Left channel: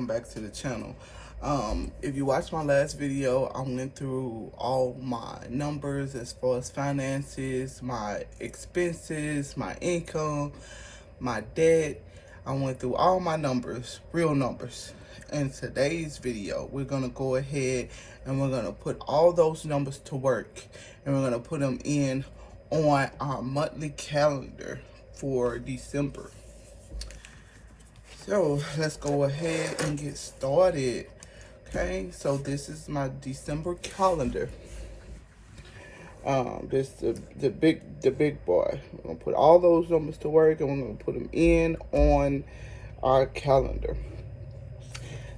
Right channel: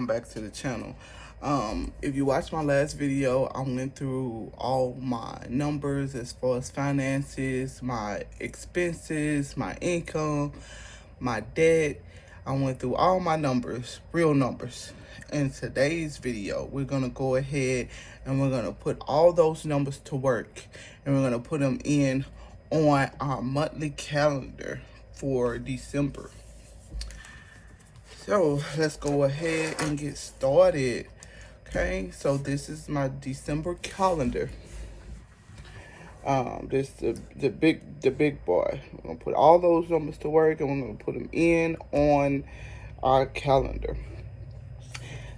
welcome back to the channel. If you watched my last video, I went through all my numbers as far as finances, my expenses, my income, my debt. I went through all my numbers, real numbers. In today's video, we're gonna go ahead and we're gonna put all those numbers to work, and we're gonna put them in on our monthly calendar for December. So let's go ahead and get started. Okay, so this is my December calendar. This the big boy. We're gonna put all those numbers to work, and we're gonna put them in on our calendar.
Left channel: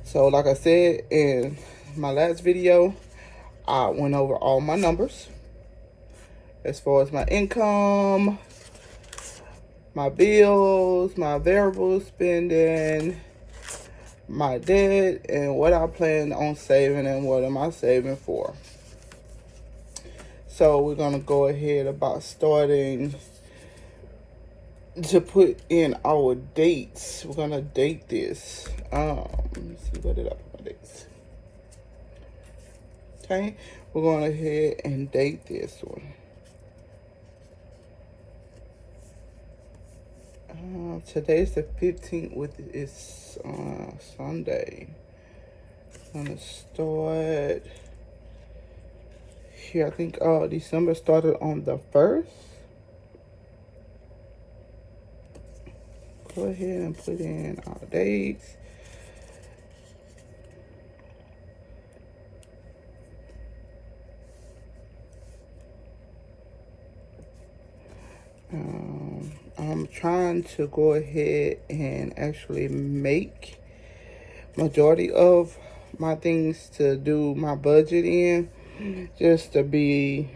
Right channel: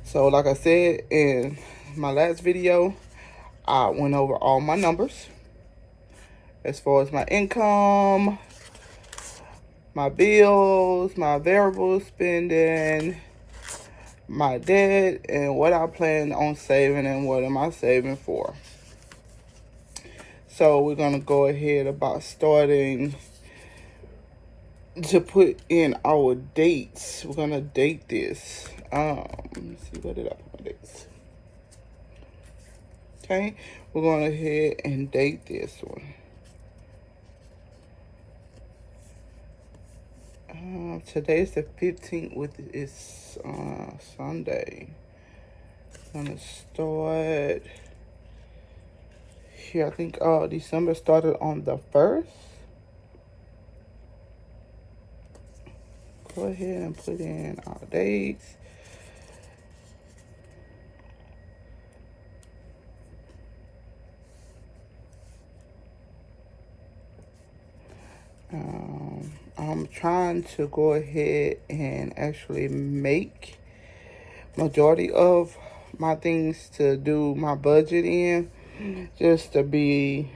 So like I said in my last video, I went over all my numbers as far as my income, my bills, my variable spending, my debt, and what I plan on saving and what am I saving for. So we're going to go ahead about starting to put in our dates. We're going to date this. Let me see, where did I put my dates? Okay, we're going to ahead and date this one. Today's the 15th, with it's Sunday. I'm gonna start here. I think December started on the 1st. Go ahead and put in our dates. I'm trying to go ahead and actually make majority of my things to do my budget in, just to be,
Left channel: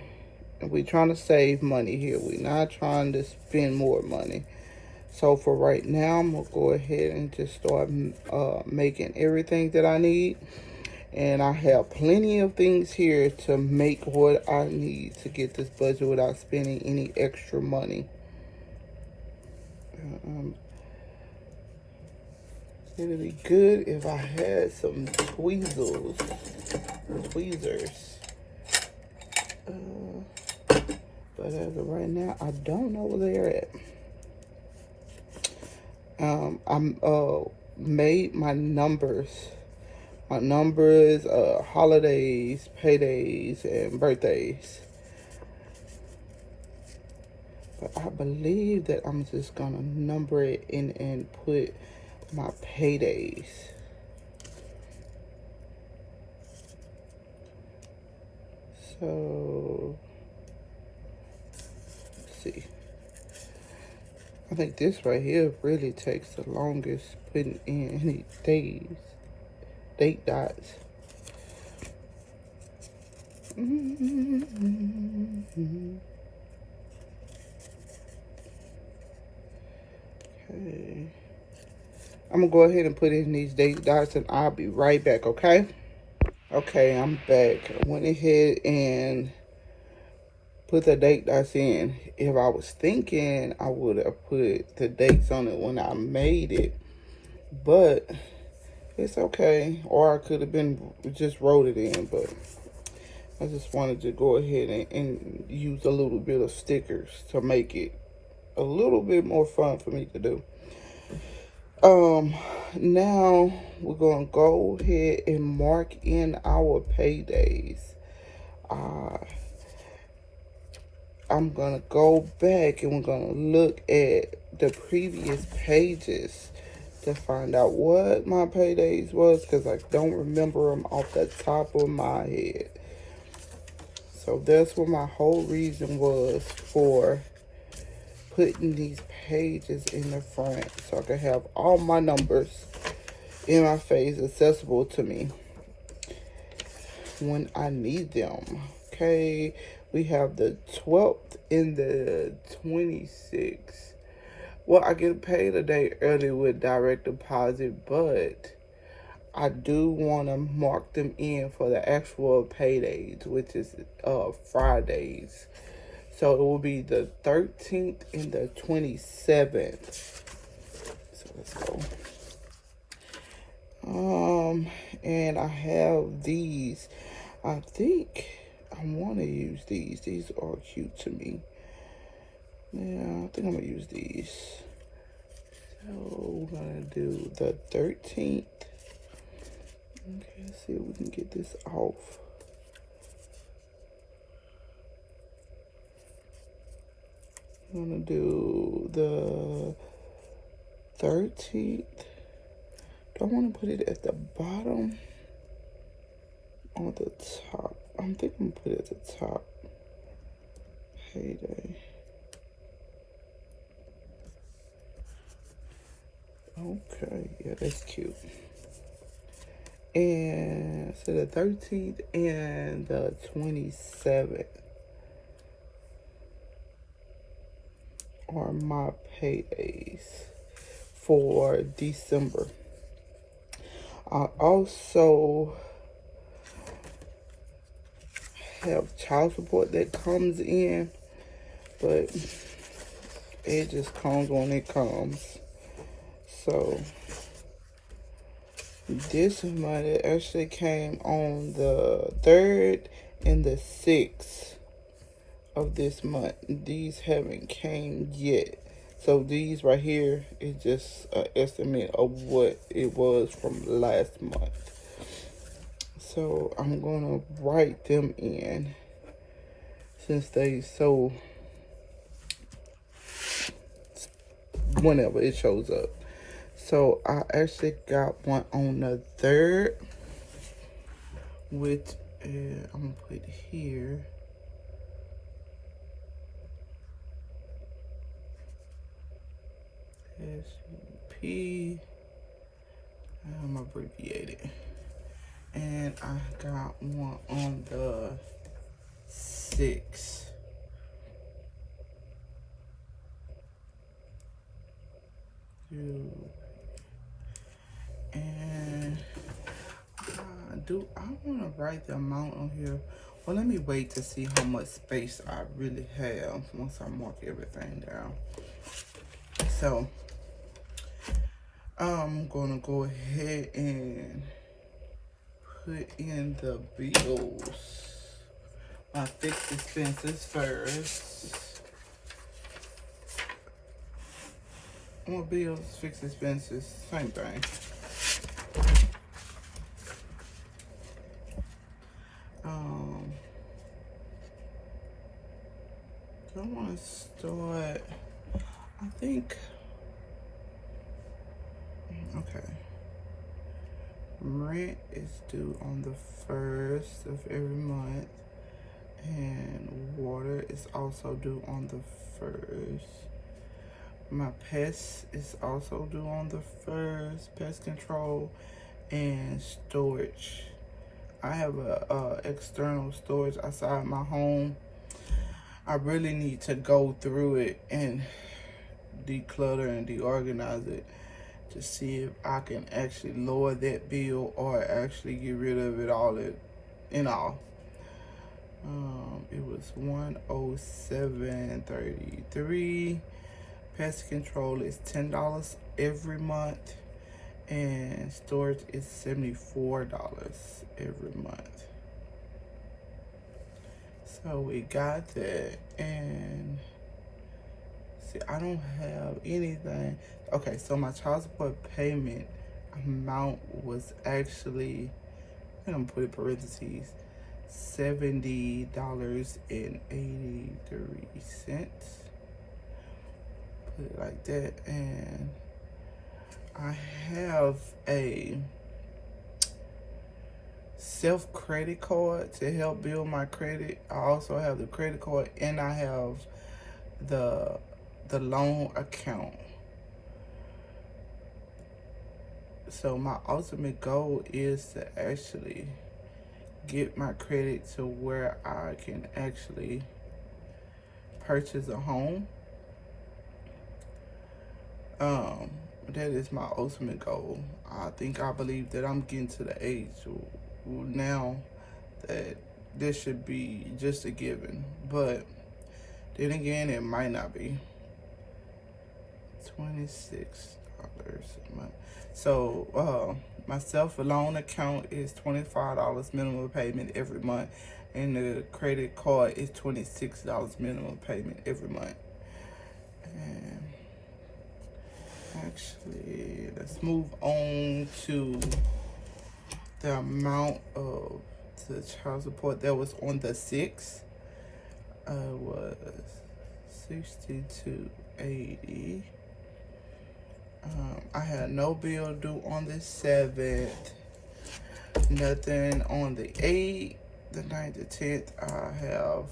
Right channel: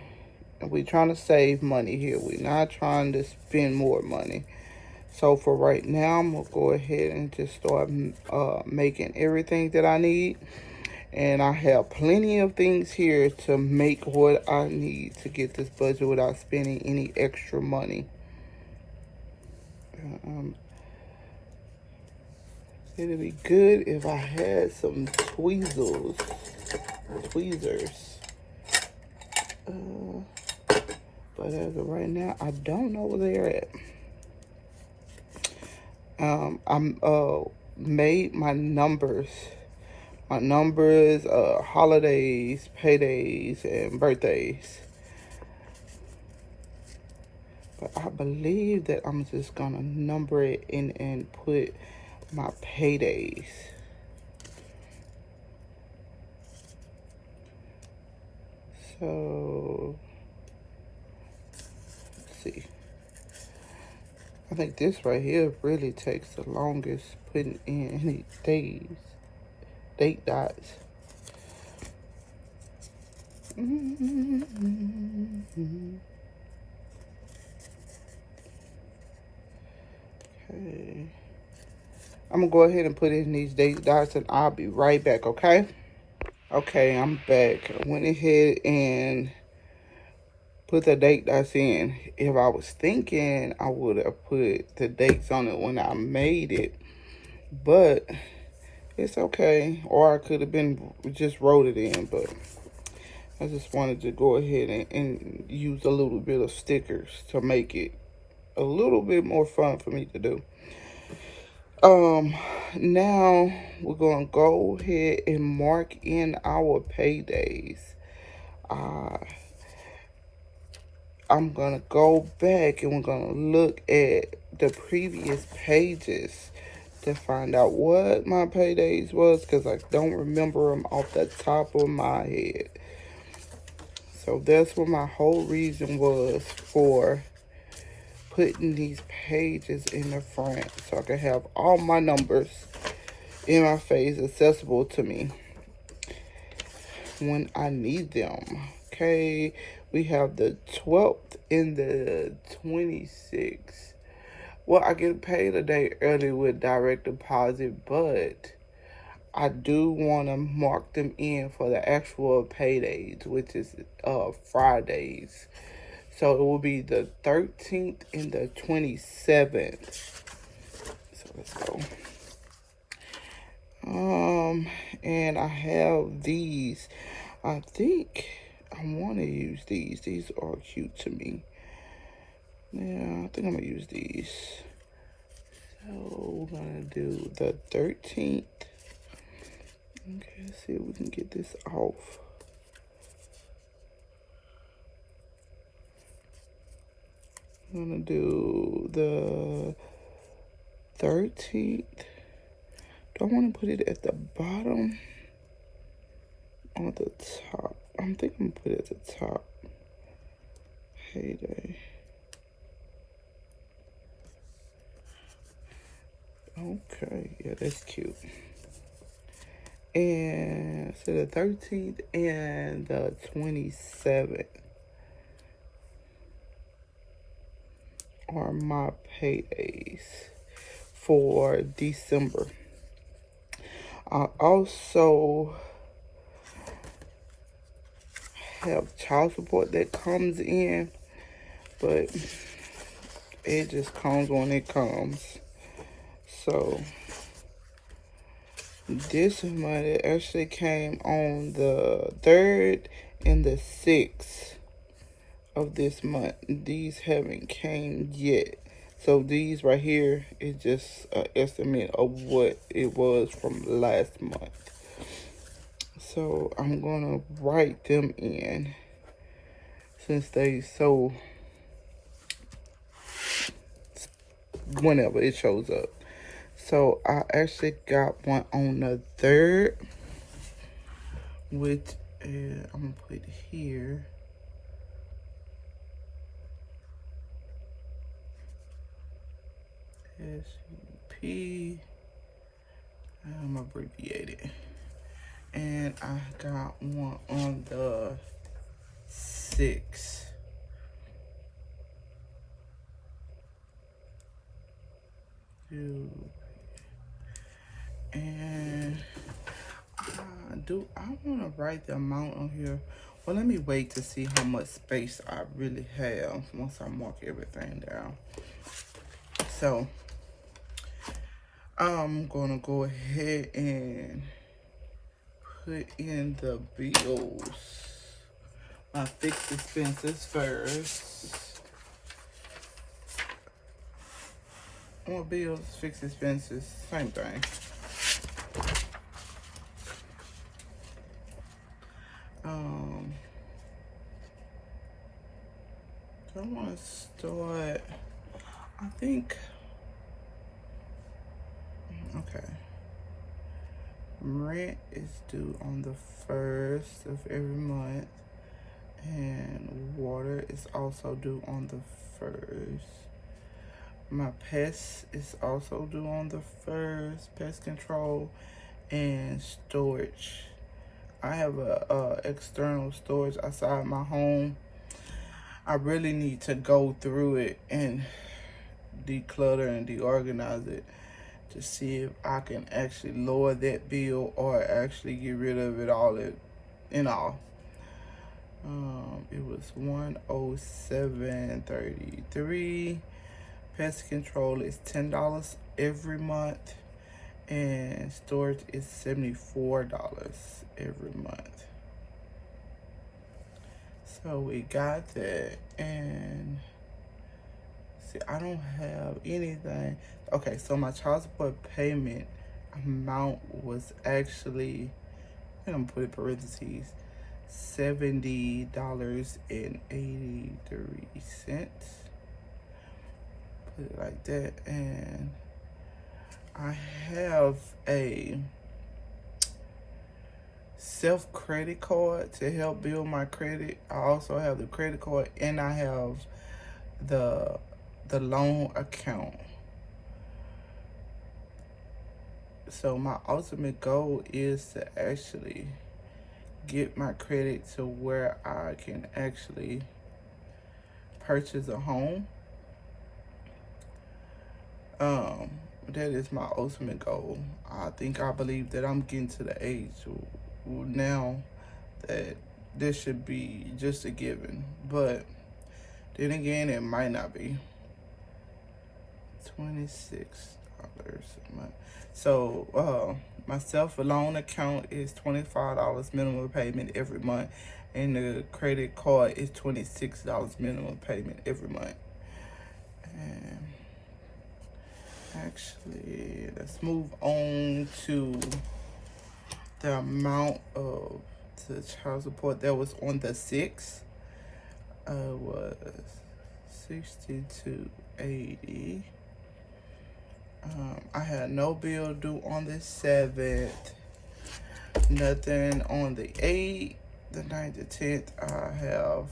we're trying to save money here. We're not trying to spend more money. So for right now, I'm gonna go ahead and just start making everything that I need. And I have plenty of things here to make what I need to get this budget without spending any extra money. It'd be good if I had some tweezers. But as of right now, I don't know where they're at. I'm made my numbers, holidays, paydays, and birthdays. But I believe that I'm just gonna number it in and put my paydays. So let's see. I think this right here really takes the longest, putting in any days, date dots. Okay. I'm gonna go ahead and put in these date dots, and I'll be right back, okay? Okay, I'm back. I went ahead and put the date dots in. If I was thinking, I would have put the dates on it when I made it, but it's okay. Or I could have been just wrote it in, but I just wanted to go ahead and use a little bit of stickers to make it a little bit more fun for me to do. Now we're gonna go ahead and mark in our paydays. I'm gonna go back and we're gonna look at the previous pages to find out what my paydays was, because I don't remember them off the top of my head. So that's what my whole reason was for putting these pages in the front, so I can have all my numbers in my face, accessible to me when I need them. Okay, we have the 12th and the 26th. Well, I get paid a day early with direct deposit, but I do want to mark them in for the actual paydays, which is Fridays. So it will be the 13th and the 27th. So let's go. And I have these. I think I want to use these. These are cute to me. Yeah, I think I'm gonna use these. So we're gonna do the 13th. Okay, let's see if we can get this off. I'm gonna do the 13th. Do I want to put it at the bottom or the top? I'm thinking I'm gonna put it at the top. Heyday. Okay, yeah, that's cute. And so the 13th and the 27th are my paydays for December. I also have child support that comes in, but it just comes when it comes. So this money actually came on the 3rd and the 6th of this month. These haven't came yet. So these right here is just an estimate of what it was from last month. So I'm gonna write them in since they so whenever it shows up. So I actually got one on the 3rd, which I'm gonna put here. SUP. I'm gonna abbreviate it. And I got one on the 6th. And I want to write the amount on here? Well, let me wait to see how much space I really have once I mark everything down. So I'm gonna go ahead and put in the bills. My fixed expenses first. More bills, fixed expenses, same thing. So I want to start, I think, okay. Rent is due on the 1st of every month, and water is also due on the 1st. My pest is also due on the 1st, pest control and storage. I have a external storage outside my home. I really need to go through it and declutter and deorganize it to see if I can actually lower that bill or actually get rid of it all in all. It was $107.33. Pest control is $10 every month, and storage is $74 every month. So we got that, and see, I don't have anything. Okay, so my child support payment amount was actually, I'm gonna put in parentheses, $70.83. Put it like that, and I have a self-credit card to help build my credit. I also have the credit card, and I have the loan account. So my ultimate goal is to actually get my credit to where I can actually purchase a home. That is my ultimate goal. I believe that I'm getting to the age now that this should be just a given, but then again, it might not be. $26. a month. So my self-loan account is $25 minimum payment every month, and the credit card is $26 minimum payment every month. And actually, let's move on to the amount of the child support that was on the 6th. Was $62.80. I had no bill due on the 7th. Nothing on the 8th, the 9th, the 10th. I have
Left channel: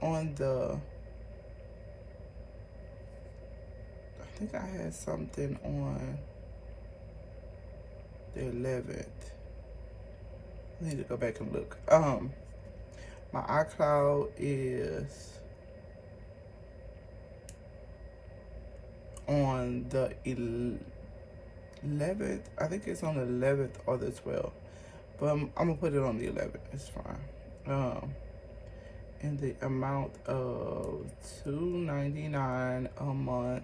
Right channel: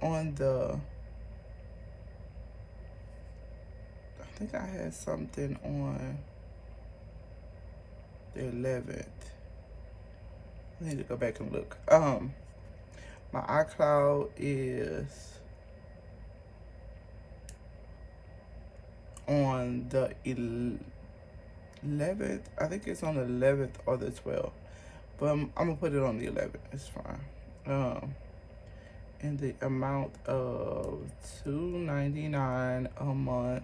on the, I think I had something on the 11th. I need to go back and look. My iCloud is on the 11th. I think it's on the 11th or the 12th, but I'm gonna put it on the 11th. It's fine. In the amount of $2.99 a month.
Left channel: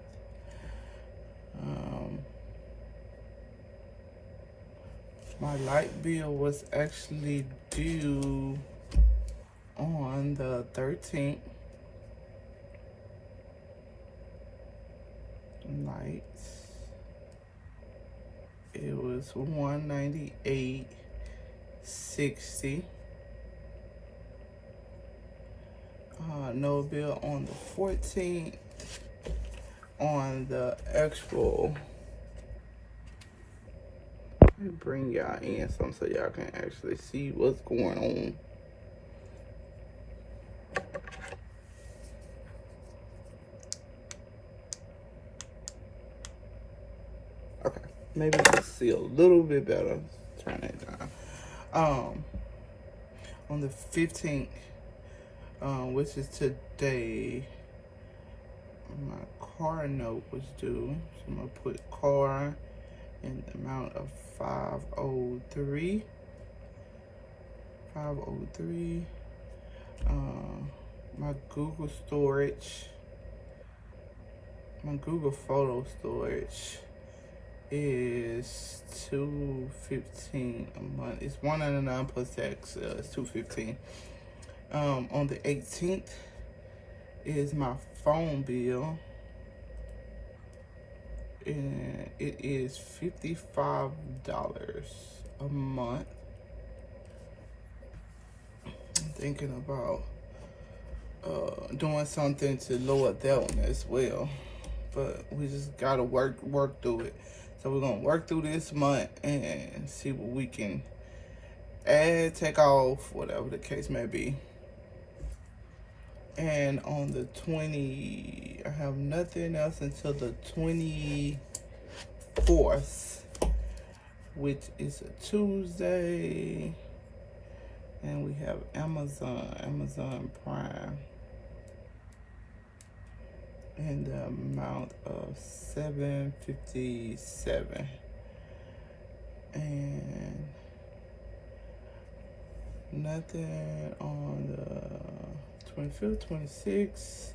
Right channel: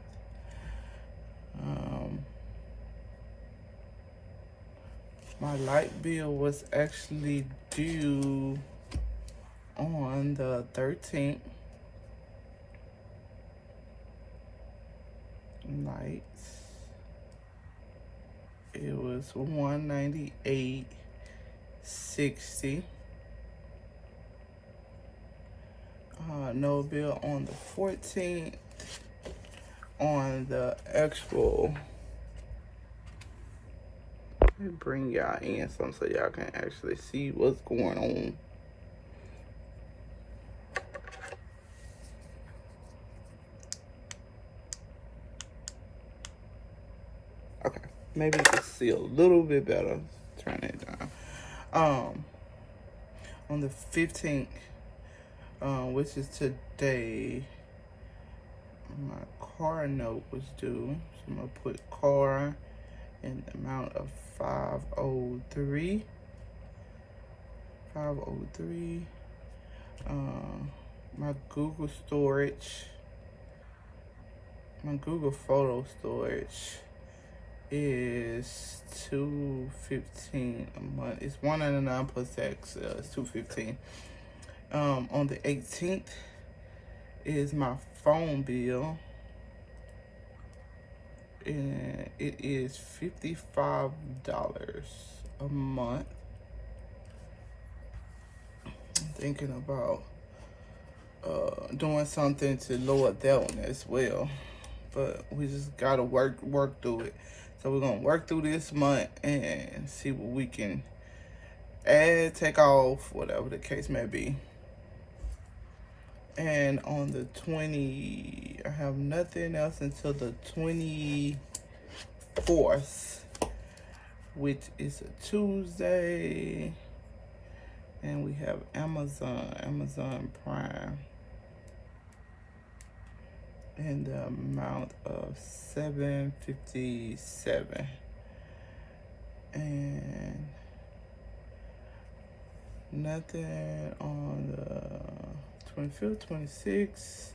My light bill was actually due on the 13th. Lights. It was $198.60. No bill on the 14th. On the actual, let me bring y'all in some so y'all can actually see what's going on. Okay, maybe you can see a little bit better. Turn it down. On the 15th, which is today, my car note was due. So I'm gonna put car in the amount of $503. My Google storage, my Google photo storage is $215 a month. It's $199 plus tax. It's $215. On the 18th is my phone bill, and it is $55 a month. I'm thinking about doing something to lower that one as well, but we just gotta work through it. So we're gonna work through this month and see what we can add, take off, whatever the case may be. And on the 20, I have nothing else until the 24th, which is a Tuesday. And we have Amazon Prime. And the amount of $7.57. And nothing on the 25th, 26th.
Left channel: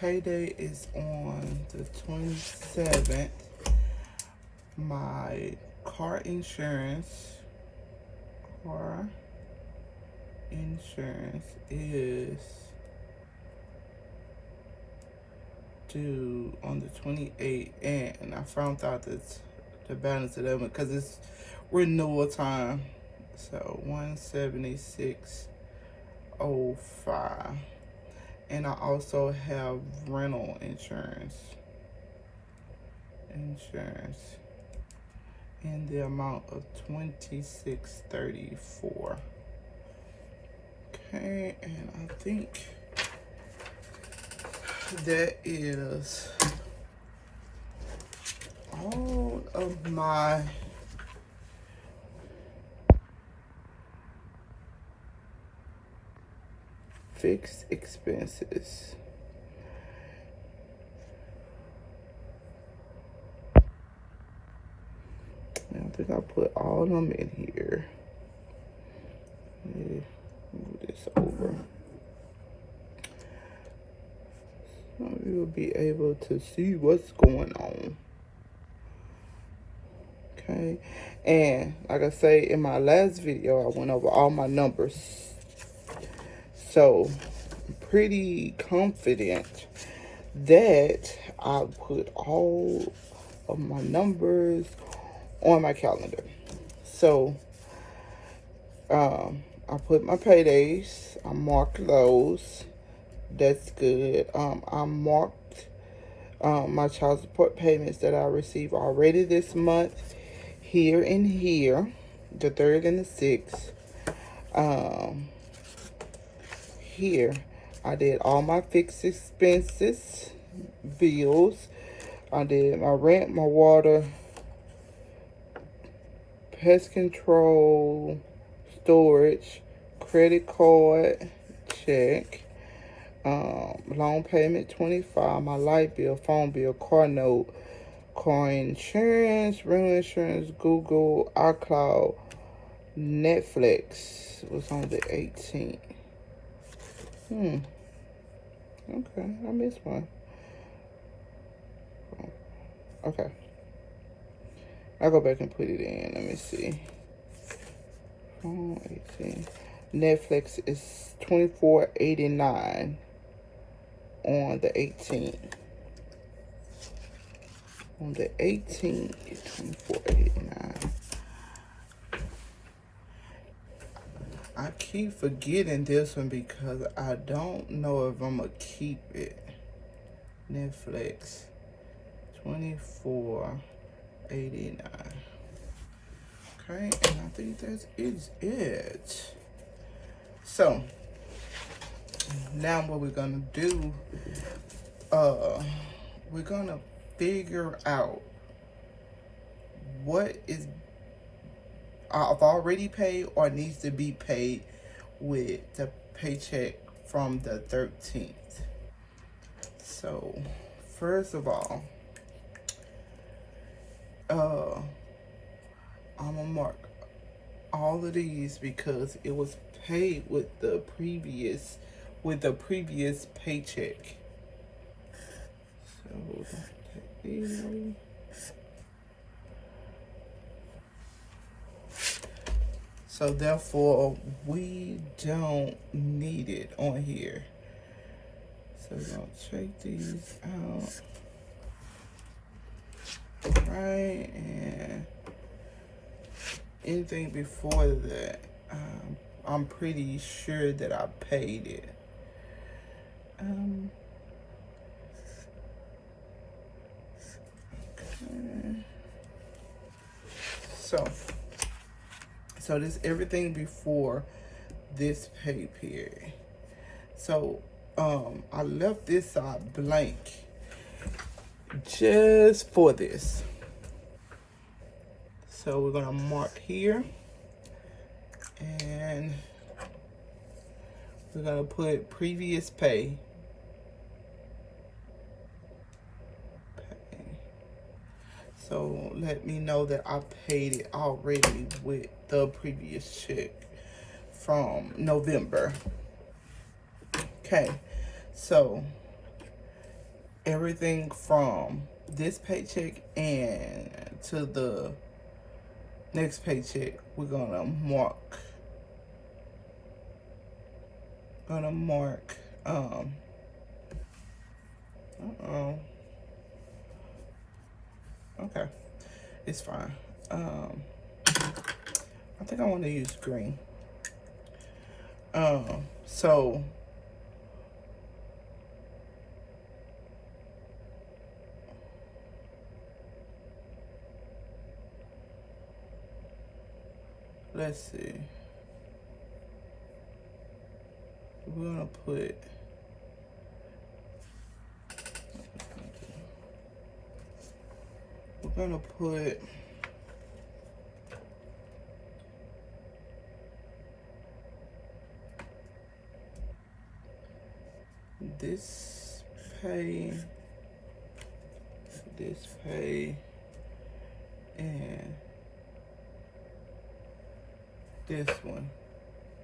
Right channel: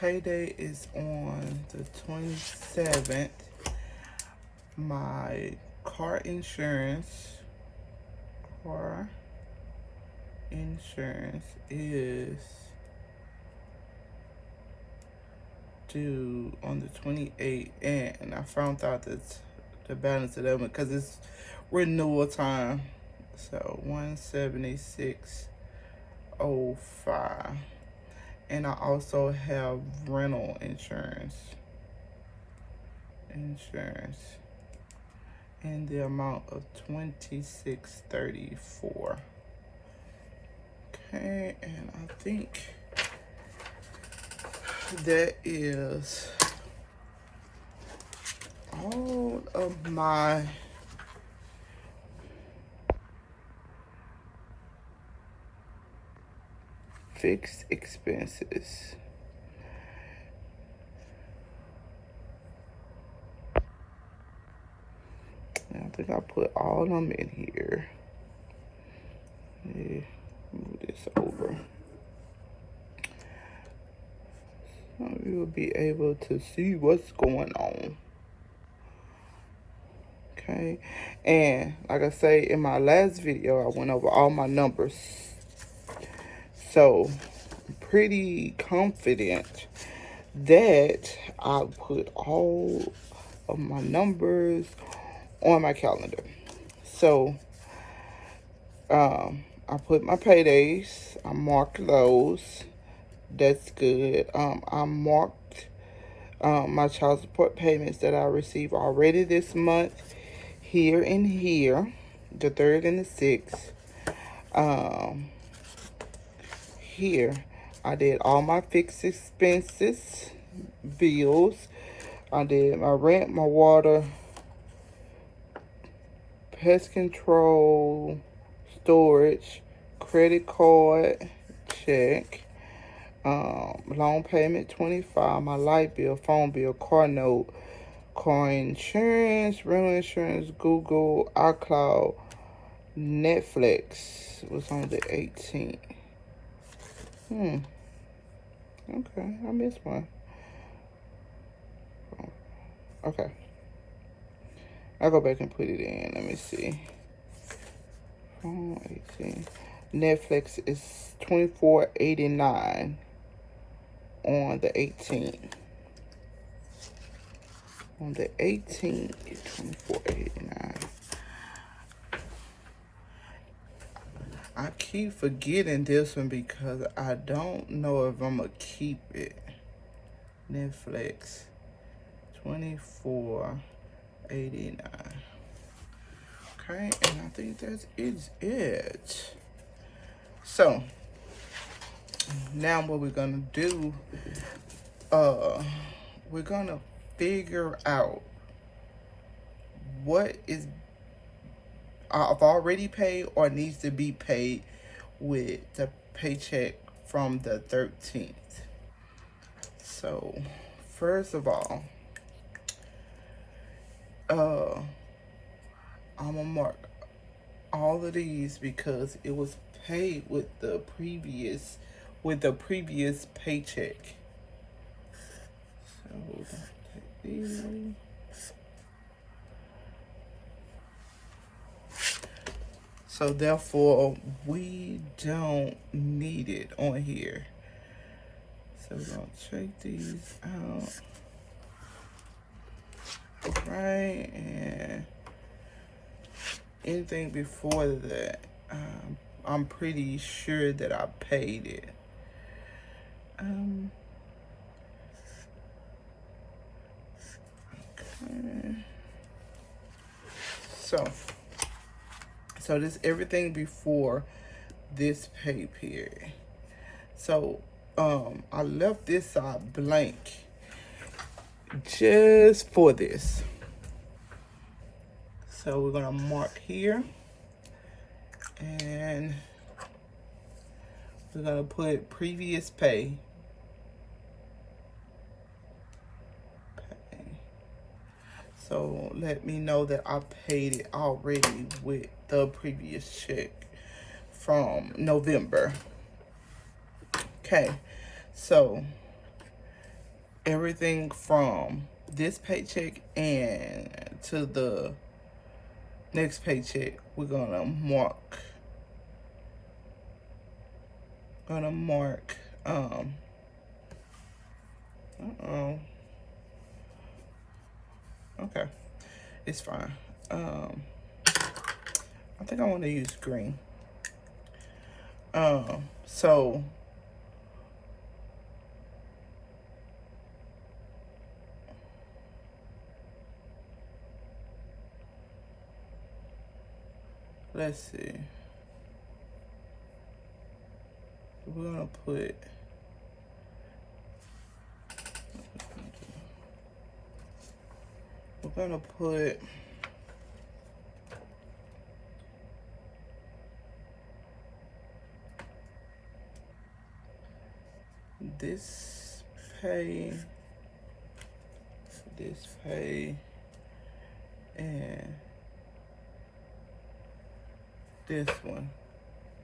Payday is on the 27th. My car insurance is due on the 28th, and I found out that the balance of that one, because it's renewal time, so $176.05. And I also have rental insurance in the amount of $26.34. Okay, and I think that is all of my fixed expenses. I think I put all of them in here. Yeah, move this over. So you you'll be able to see what's going on. Okay, and like I say in my last video, I went over all my numbers, so I'm pretty confident that I put all of my numbers on my calendar. So I put my paydays, I marked those. That's good. I marked my child support payments that I received already this month, here and here, the 3rd and the 6th. Here, I did all my fixed expenses, bills. I did my rent, my water, pest control, storage, credit card, check, loan payment 25, my light bill, phone bill, car note, car insurance, rental insurance, Google, iCloud, Netflix was on the 18th. Okay, I missed one. Okay. I'll go back and put it in. Let me see. 18. Netflix is $24.89 on the 18th. On the 18th, it's $24.89. I keep forgetting this one because I don't know if I'm gonna keep it. Netflix, $24.89. Okay, and I think that is it. So now what we're gonna do, we're gonna figure out what is I've already paid or needs to be paid with the paycheck from the 13th. So first of all, I'm gonna mark all of these because it was paid with the previous paycheck. So therefore, we don't need it on here. So we're gonna check these out. Right, and anything before that, I'm pretty sure that I paid it. Okay. So this everything before this pay period. So I left this side blank just for this. So we're gonna mark here and we're gonna put previous pay. So let me know that I paid it already with the previous check from November. Okay, so everything from this paycheck and to the next paycheck, we're gonna mark. Okay, it's fine. I think I want to use green. So let's see. We're gonna put this pay, and this one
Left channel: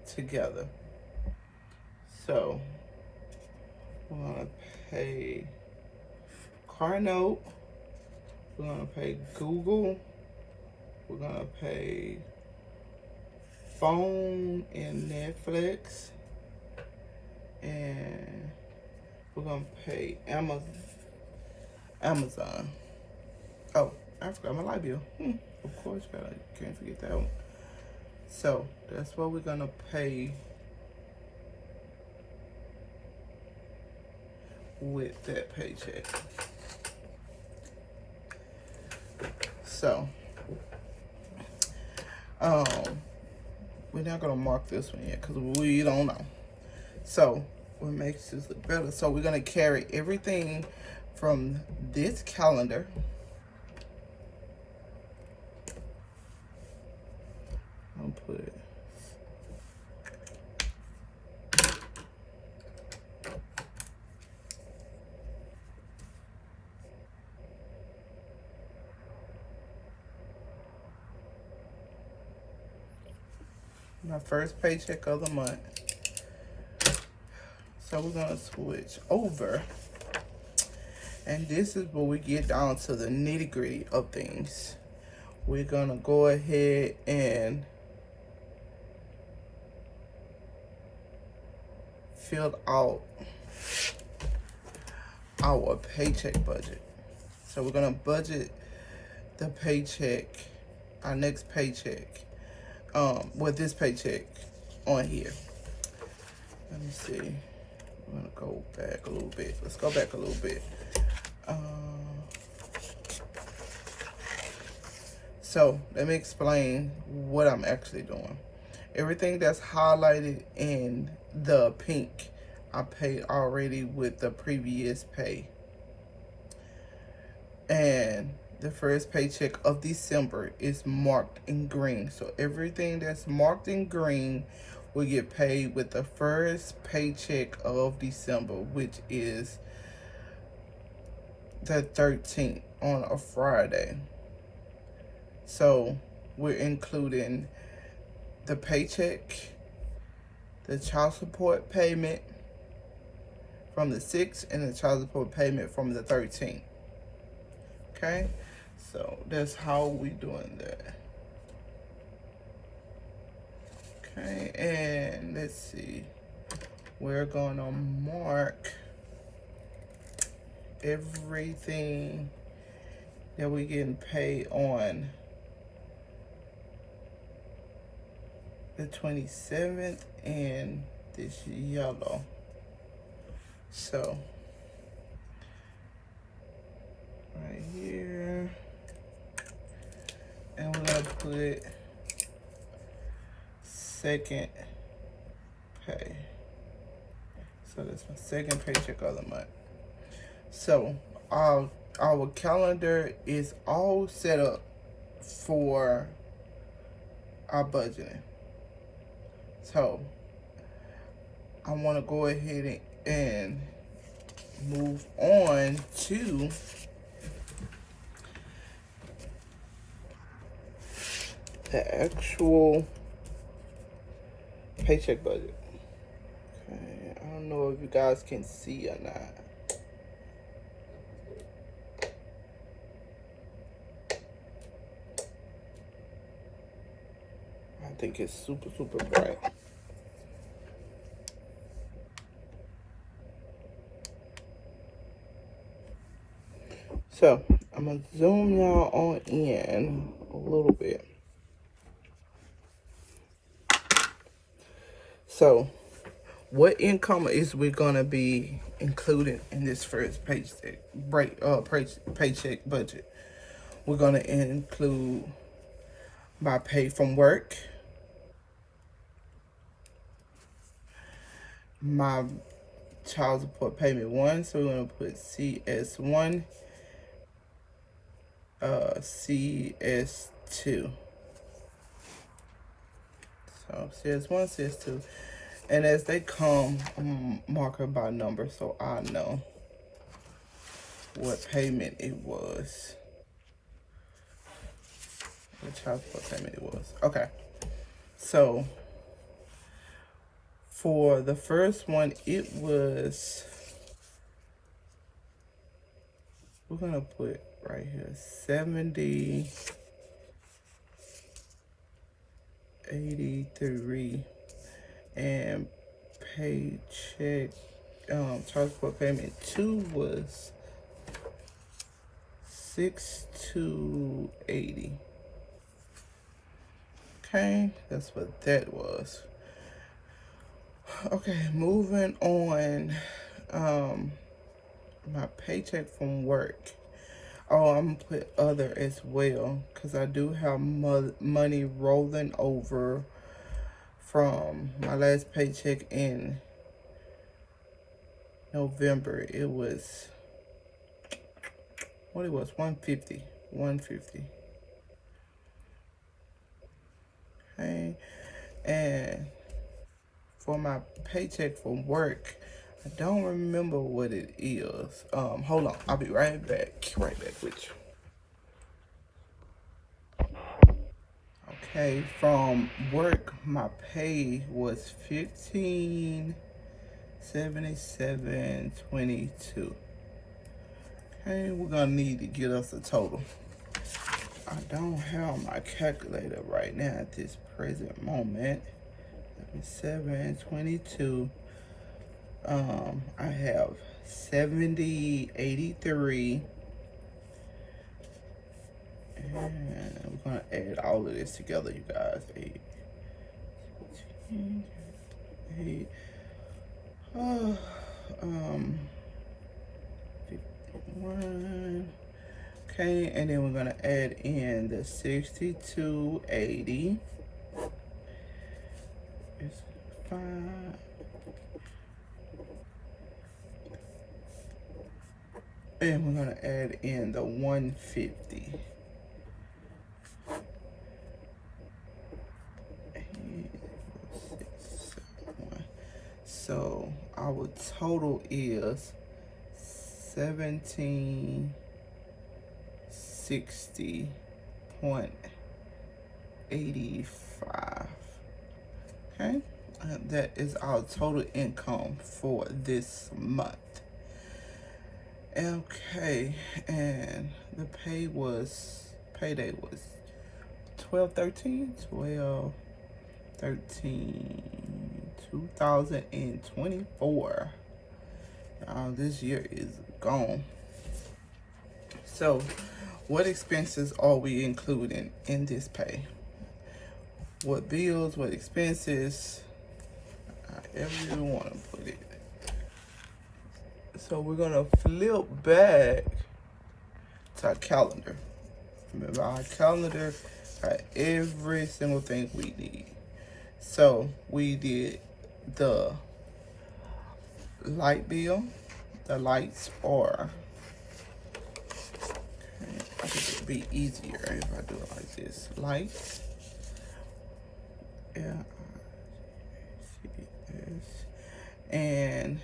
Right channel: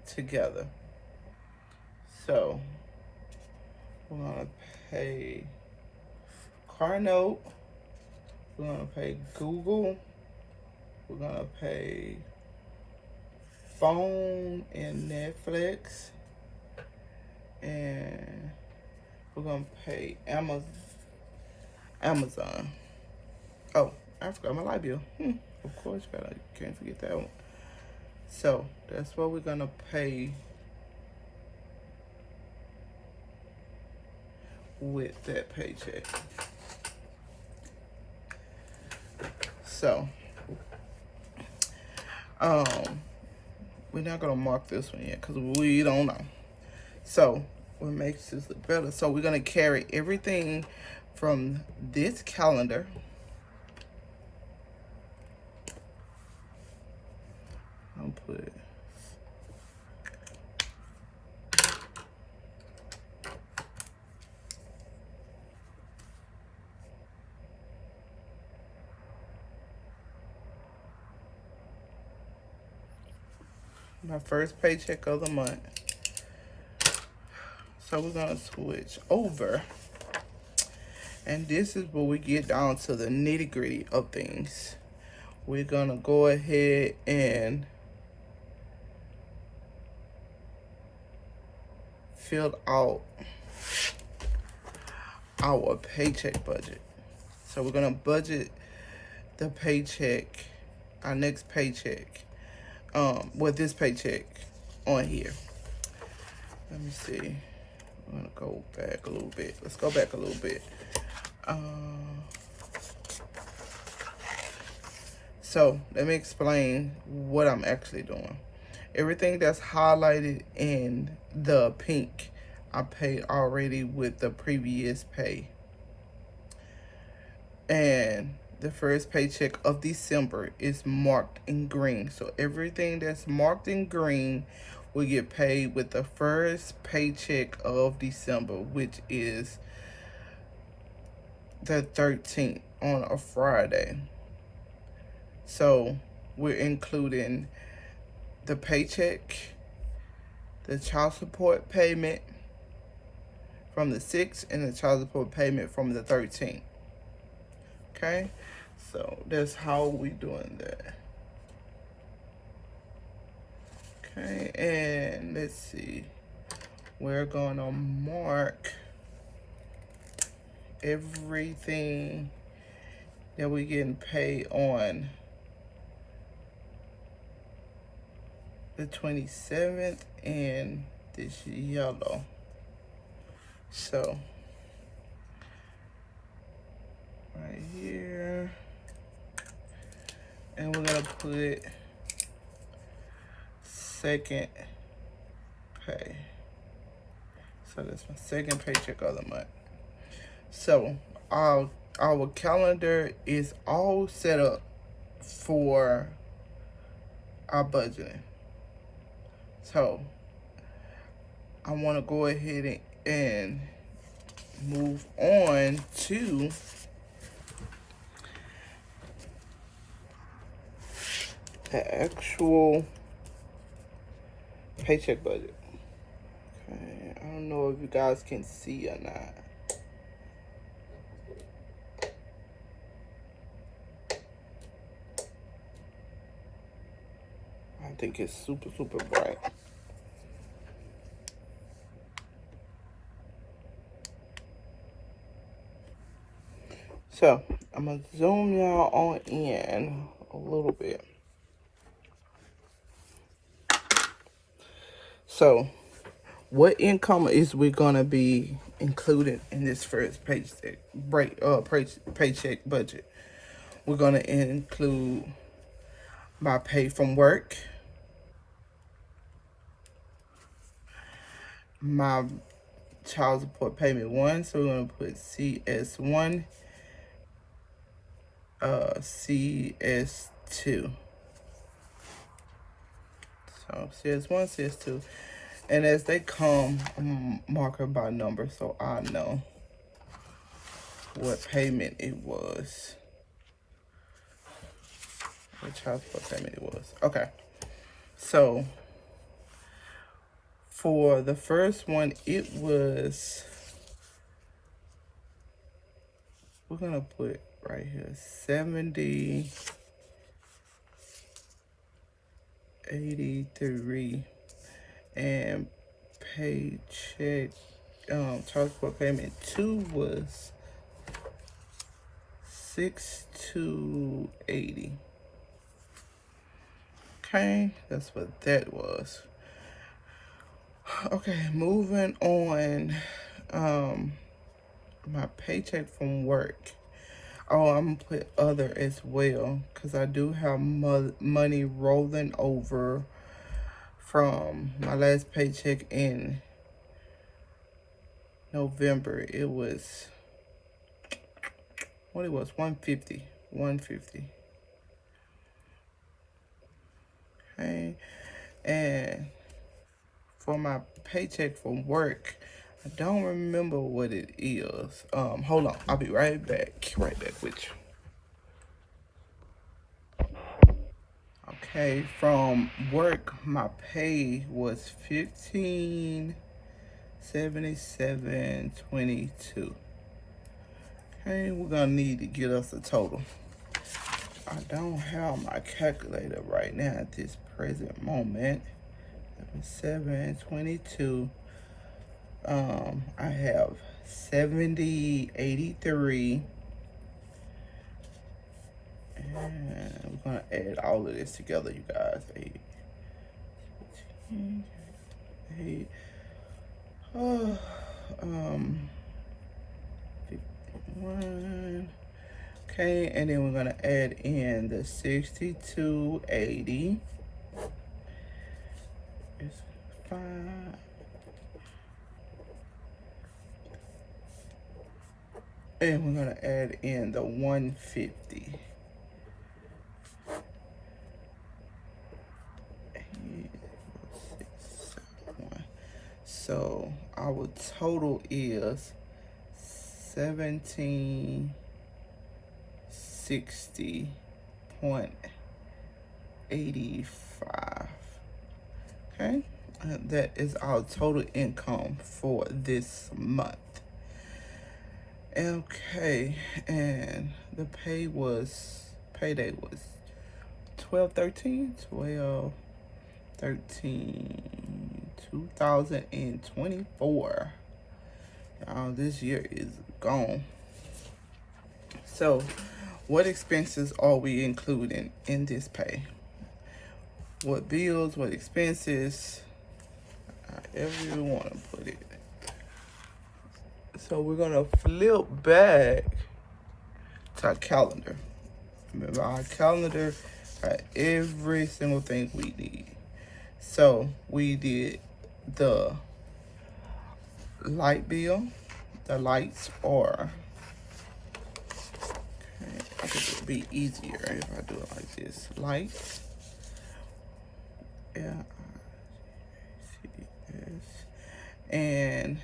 together. So we're gonna pay car note. We're gonna pay Google. We're gonna pay phone and Netflix. And we're gonna pay Amazon. Oh, I forgot my light bill. Of course, can't forget that one. So that's what we're gonna pay with that paycheck. So, we're not gonna mark this one yet because we don't know. So, what makes this look better? So we're gonna carry everything from this calendar. I'll put it. My first paycheck of the month. So we're gonna switch over. And this is where we get down to the nitty-gritty of things. We're gonna go ahead and fill out our paycheck budget. So we're gonna budget the paycheck, our next paycheck, with this paycheck on here. Let me see. I'm gonna go back a little bit. Let's go back a little bit. So let me explain what I'm actually doing. Everything that's highlighted in the pink, I paid already with the previous pay. And the first paycheck of December is marked in green. So everything that's marked in green will get paid with the first paycheck of December, which is the 13th on a Friday. So we're including the paycheck, the child support payment from the 6th, and the child support payment from the 13th. Okay, so that's how we doing that. Okay, and let's see. We're gonna mark everything that we're getting paid on the 27th in this yellow. So right here, and we're gonna put second pay. So that's my second paycheck of the month. So our calendar is all set up for our budgeting. So I want to go ahead and move on to the actual paycheck budget. Okay, I don't know if you guys can see or not. I think it's super, super bright. So I'm gonna zoom y'all on in a little bit. So what income is we gonna be included in this first paycheck budget? We're gonna include my pay from work, my child support payment 1, so we're gonna put CS1, CS2. So CS1, CS2. And as they come, I'm marker by number so I know what payment it was. What child support payment it was. Okay. So for the first one, it was we're gonna put right here 70.83, and paycheck child support payment 2 was 6,280. Okay, that's what that was. Okay, moving on. My paycheck from work. Oh, I'm gonna put other as well, because I do have money rolling over from my last paycheck in November. It was, what it was, 150. 150. Okay, and for my paycheck from work, I don't remember what it is. Hold on, I'll be right back with you. Okay, from work, my pay was $15.77.22. Okay, we're gonna need to get us a total. I don't have my calculator right now at this present moment. 722. I have 70.83, and I'm gonna add all of this together, you guys. 8, 51. Okay, and then we're gonna add in the 62.80. It's 5. And we're gonna add in the 150. So our total is 1760.85. Okay, that is our total income for this month. Okay, and the payday was 2024. This year is gone. So, what expenses are we including in this pay? What bills, what expenses, however you want to put it. So we're gonna flip back to our calendar. Remember, our calendar got every single thing we need. So we did the light bill. The lights are, I think it would be easier if I do it like this. Lights. And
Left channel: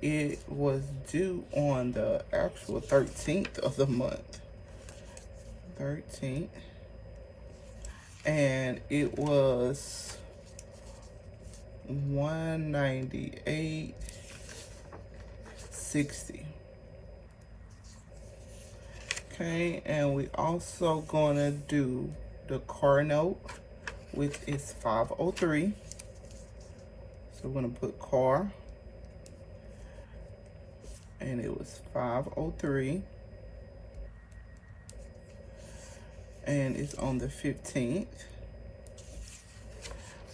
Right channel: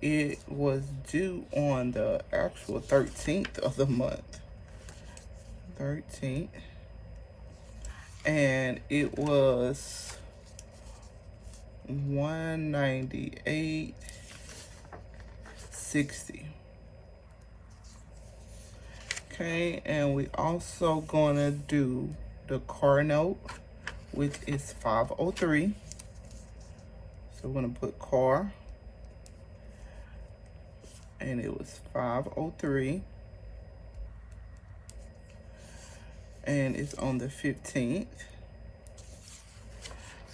it was due on the actual 13th of the month. 13th. And it was $198.60. Okay, and we also gonna do the car note, which is 503. So we're gonna put car, and it was 503, and it's on the 15th.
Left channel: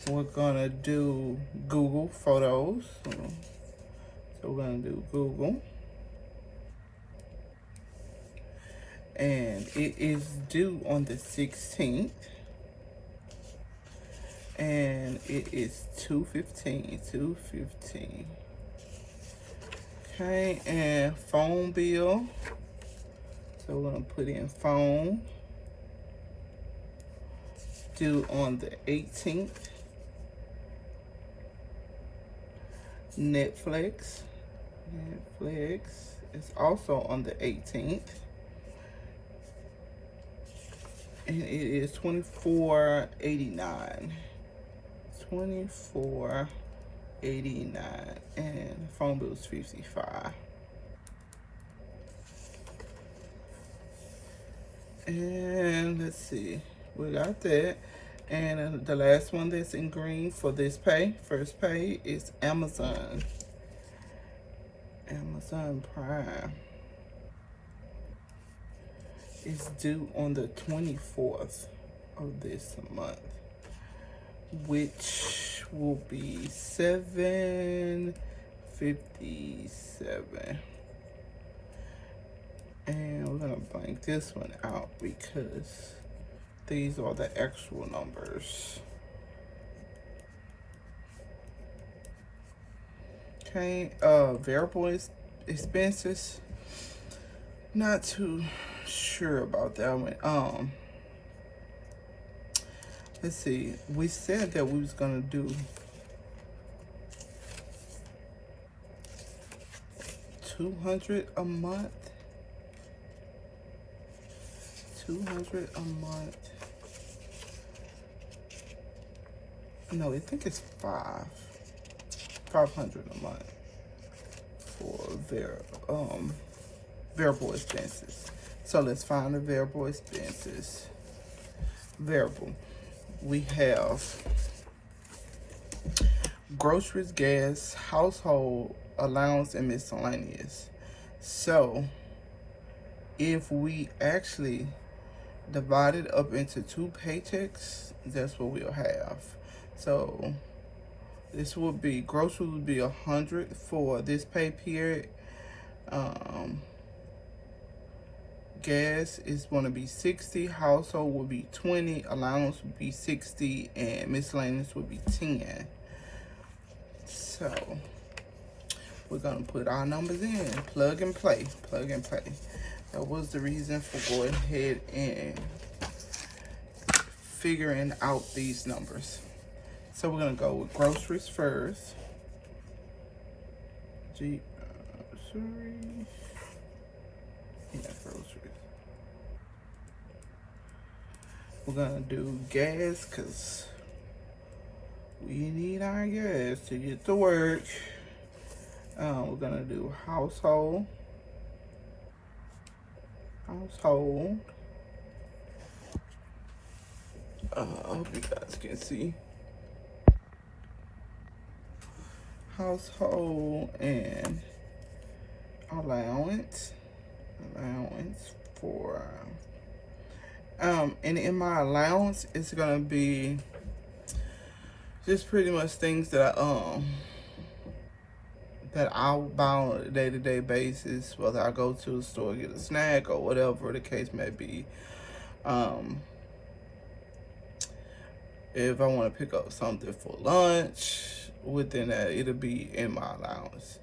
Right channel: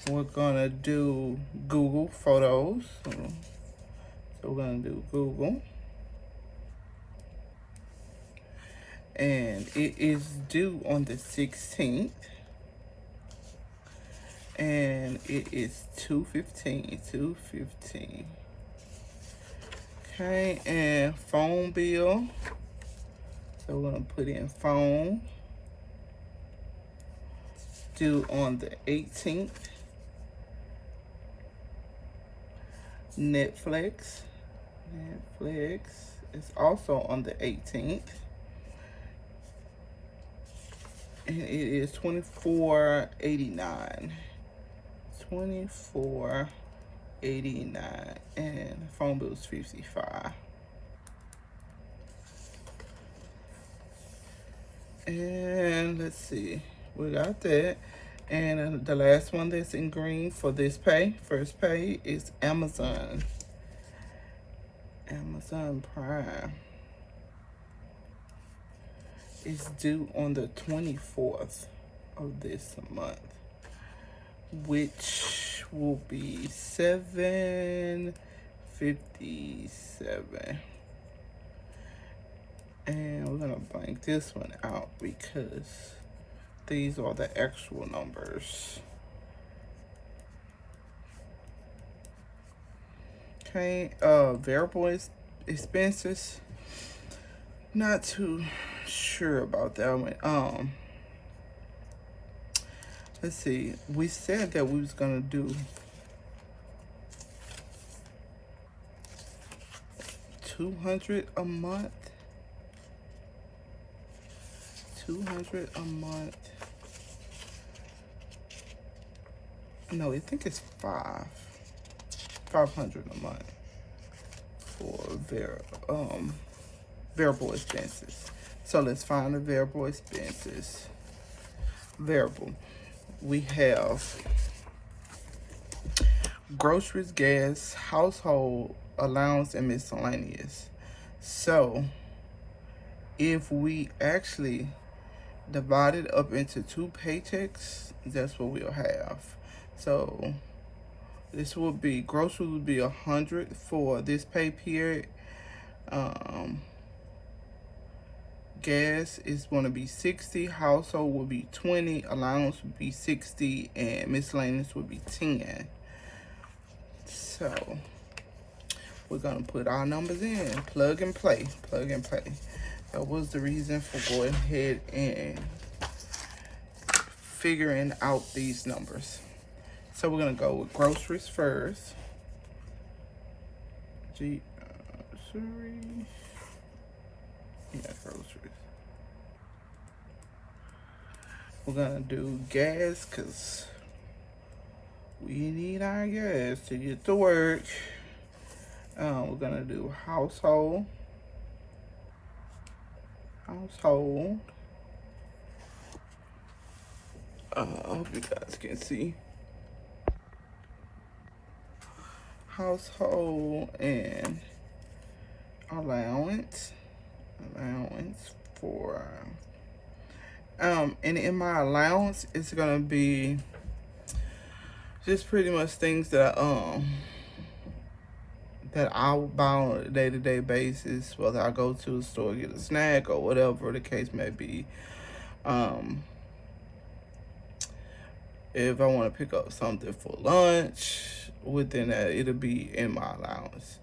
We're gonna do Google Photos. So we're gonna do Google, and it is due on the 16th, and it is 215. Okay, and phone bill. So we're gonna put in phone, due on the 18th. Netflix is also on the 18th. And it is $24.89. $24.89, and phone bill is $55. And let's see, we got that. And the last one that's in green for this pay, first pay, is Amazon. Amazon Prime is due on the 24th of this month, which will be $7.57. And we're gonna blank this one out because these are the actual numbers. Okay, variable expenses. Not too sure about that one. Let's see. We said that we was gonna do 200 a month. 200 a month. No, I think it's 500 a month for variable expenses. So let's find the variable expenses. Variable. We have groceries, gas, household allowance, and miscellaneous. So if we actually divide it up into 2 paychecks, that's what we'll have. So this will be, groceries will be 100 for this pay period. Gas is going to be 60, household will be 20, allowance will be 60, and miscellaneous will be 10. So we're going to put our numbers in, plug and play, plug and play. That was the reason for going ahead and figuring out these numbers. So we're going to go with groceries first. Groceries. Yeah, groceries. We're going to do gas because we need our gas to get to work. We're going to do household. Household. Hope you guys can see. Household and allowance for and in my allowance it's gonna be just pretty much things that I buy on a day-to-day basis, whether I go to the store get a snack or whatever the case may be. If I want to pick up something for lunch, within that, it'll be in my allowance.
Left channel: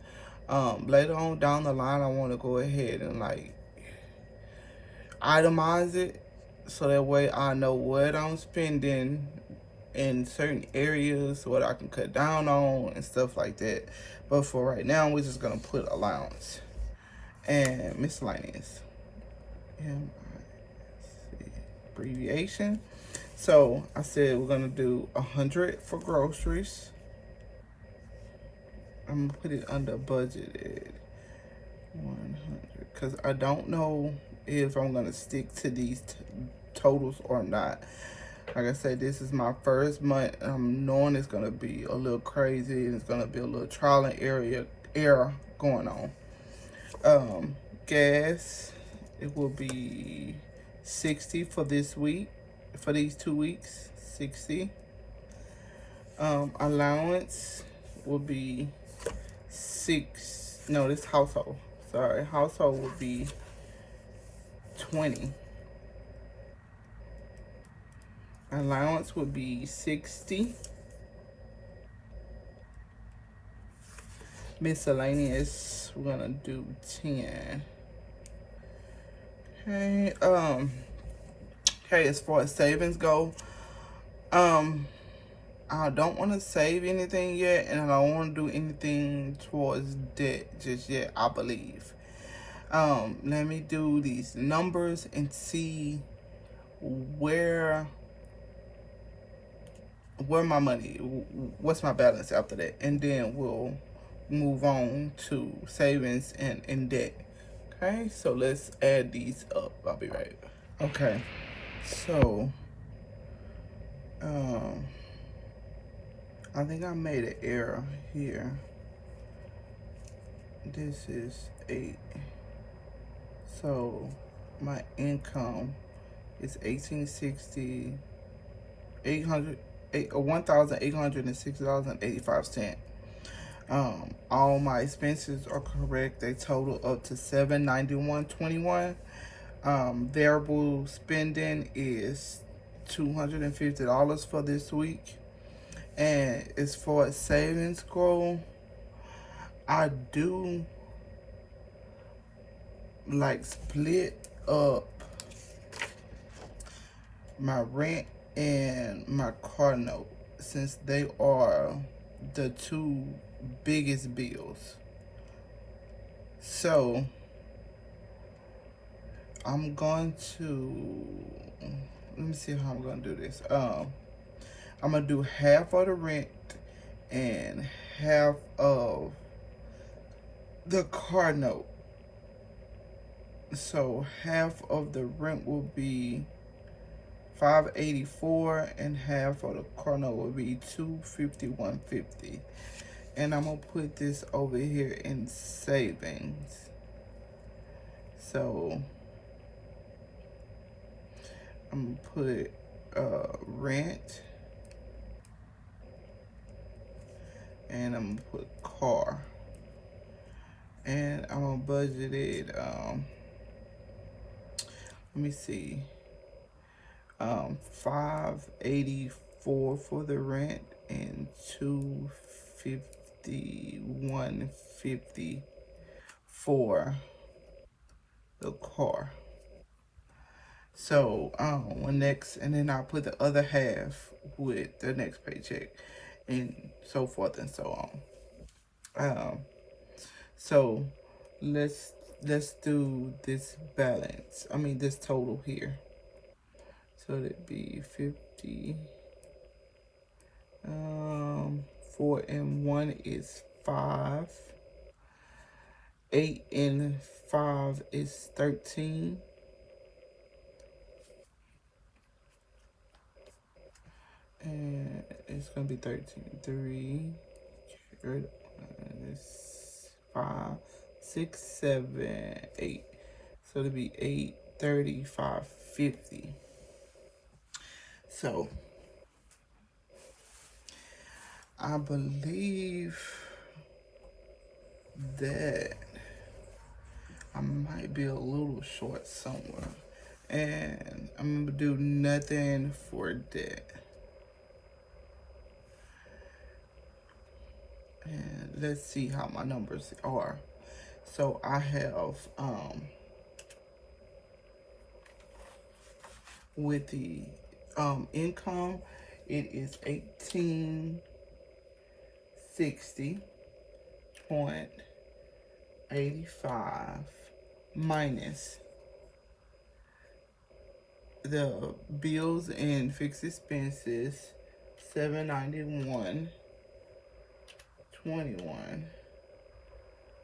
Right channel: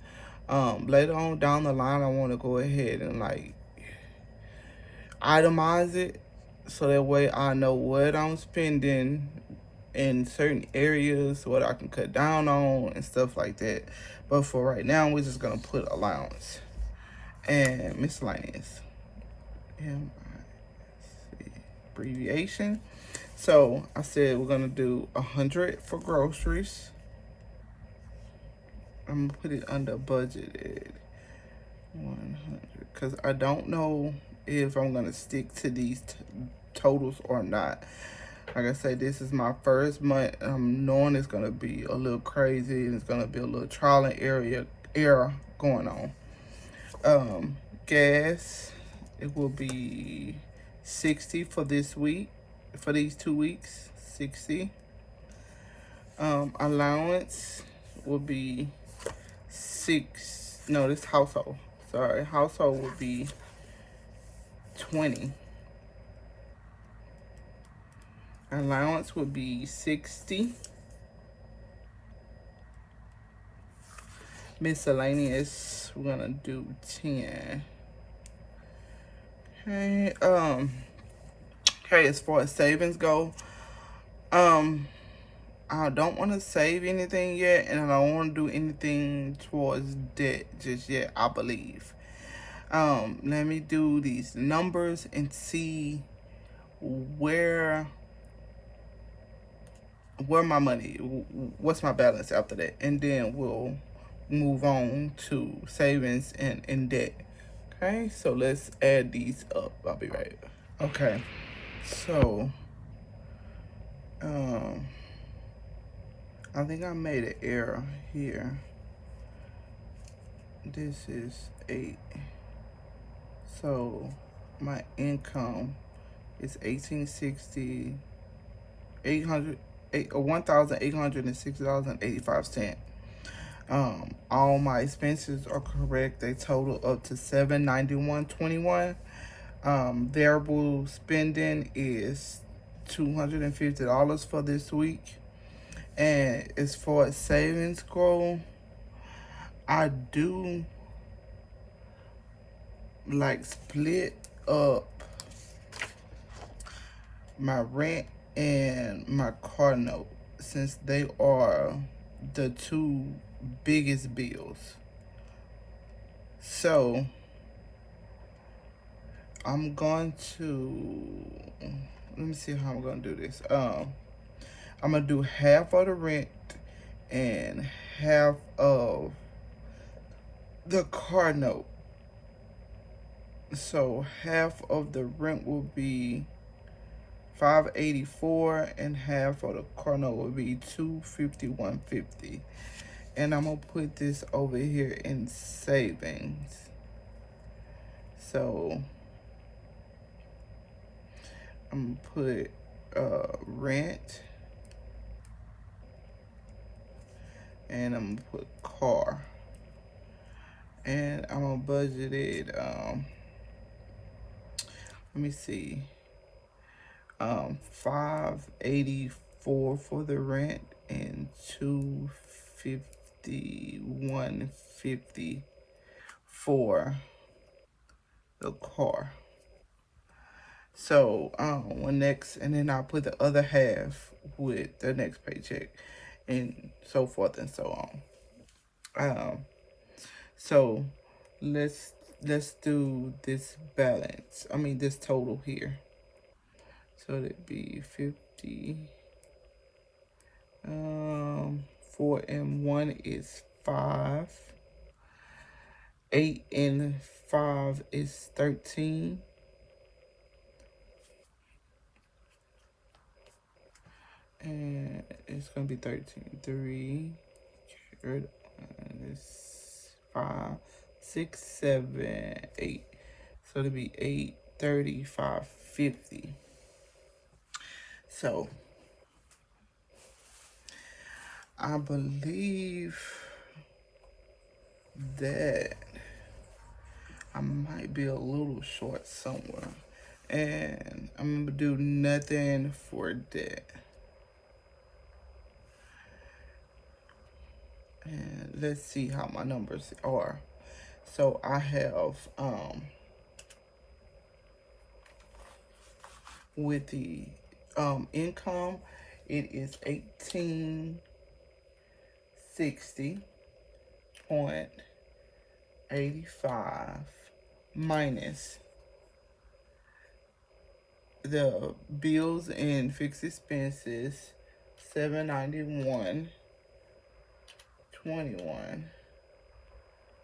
Later on down the line, I want to go ahead and like itemize it so that way I know what I'm spending in certain areas, what I can cut down on and stuff like that. But for right now, we're just gonna put allowance and miscellaneous. Abbreviation. So I said we're gonna do 100 for groceries. I'm gonna put it under budgeted 100 because I don't know if I'm gonna stick to these totals or not. Like I said, this is my first month. I'm knowing it's gonna be a little crazy. It's gonna be a little trial and error going on. Gas, it will be 60 for this week. For these 2 weeks, 60. Allowance will be this household. Sorry, household will be 20. Allowance would be 60. Miscellaneous, we're gonna do 10. Okay, okay, as far as savings go, I don't want to save anything yet, and I don't want to do anything towards debt just yet, I believe. Let me do these numbers and see where my money, what's my balance after that, and then we'll move on to savings and debt. Okay, so let's add these up. I'll be right back. Okay, so um, I think I made an error here. This is 8. So my income is 1860, 800, $1,860.85. All my expenses are correct. They total up to $791.21. Variable spending is $250 for this week. And as far as savings go, I do like split up my rent and my car note, since they are the two biggest bills. So I'm going to, let me see how I'm going to do this. I'm going to do half of the rent and half of the car note. So half of the rent will be $584 and half of the car note will be $251.50. And I'm gonna put this over here in savings. So I'm gonna put rent, and I'm gonna put car, and I'm gonna budget it. Let me see. 584 for the rent and 251.50 for the car. So and then I'll put the other half with the next paycheck, and so forth and so on. So let's do this balance. I mean this total here. So it'd be 50. 4 and 1 is 5. 8 and 5 is 13. And it's gonna be 13. 3, 5, 6, 7, 8. So it'll be 835.50. So I believe that I might be a little short somewhere, and I'm gonna do nothing for that. And let's see how my numbers are. So I have with the income, it is 1860.85 minus the bills and fixed expenses, 791.21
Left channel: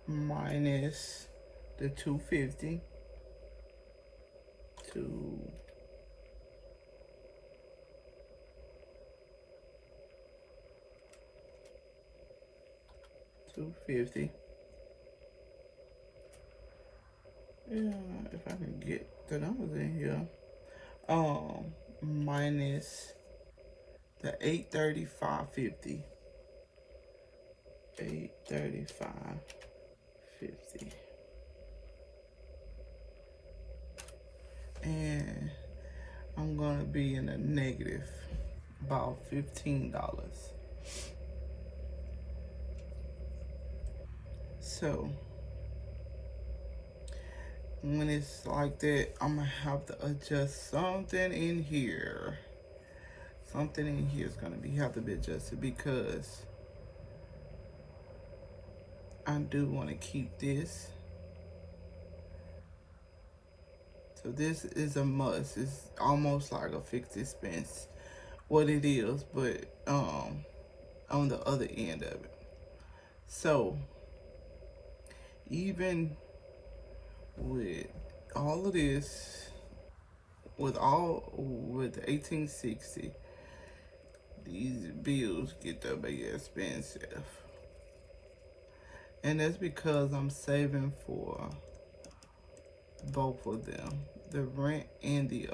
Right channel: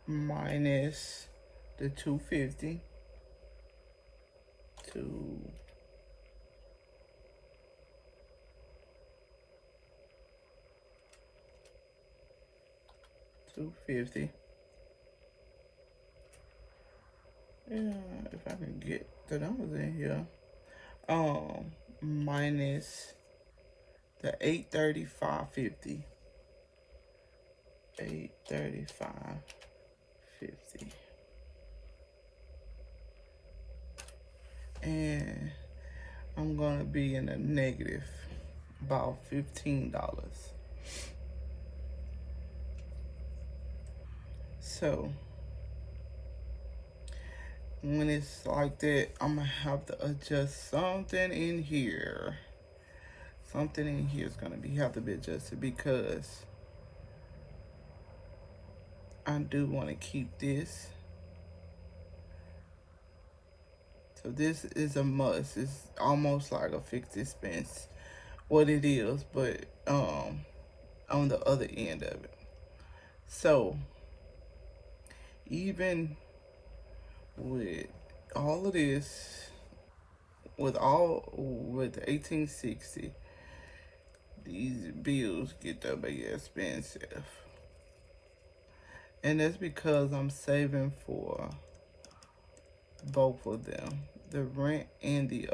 minus the 250 to 250. Yeah, if I can get the numbers in here. Minus the 835.50. 835.50. And I'm gonna be in a negative about $15. So when it's like that, I'm gonna have to adjust something in here. Something in here is gonna have to be adjusted, because I do want to keep this. So this is a must. It's almost like a fixed expense. What it is, but on the other end of it. So even with all of this, with 1860, these bills get that big expensive. And that's because I'm saving for both of them, the rent and the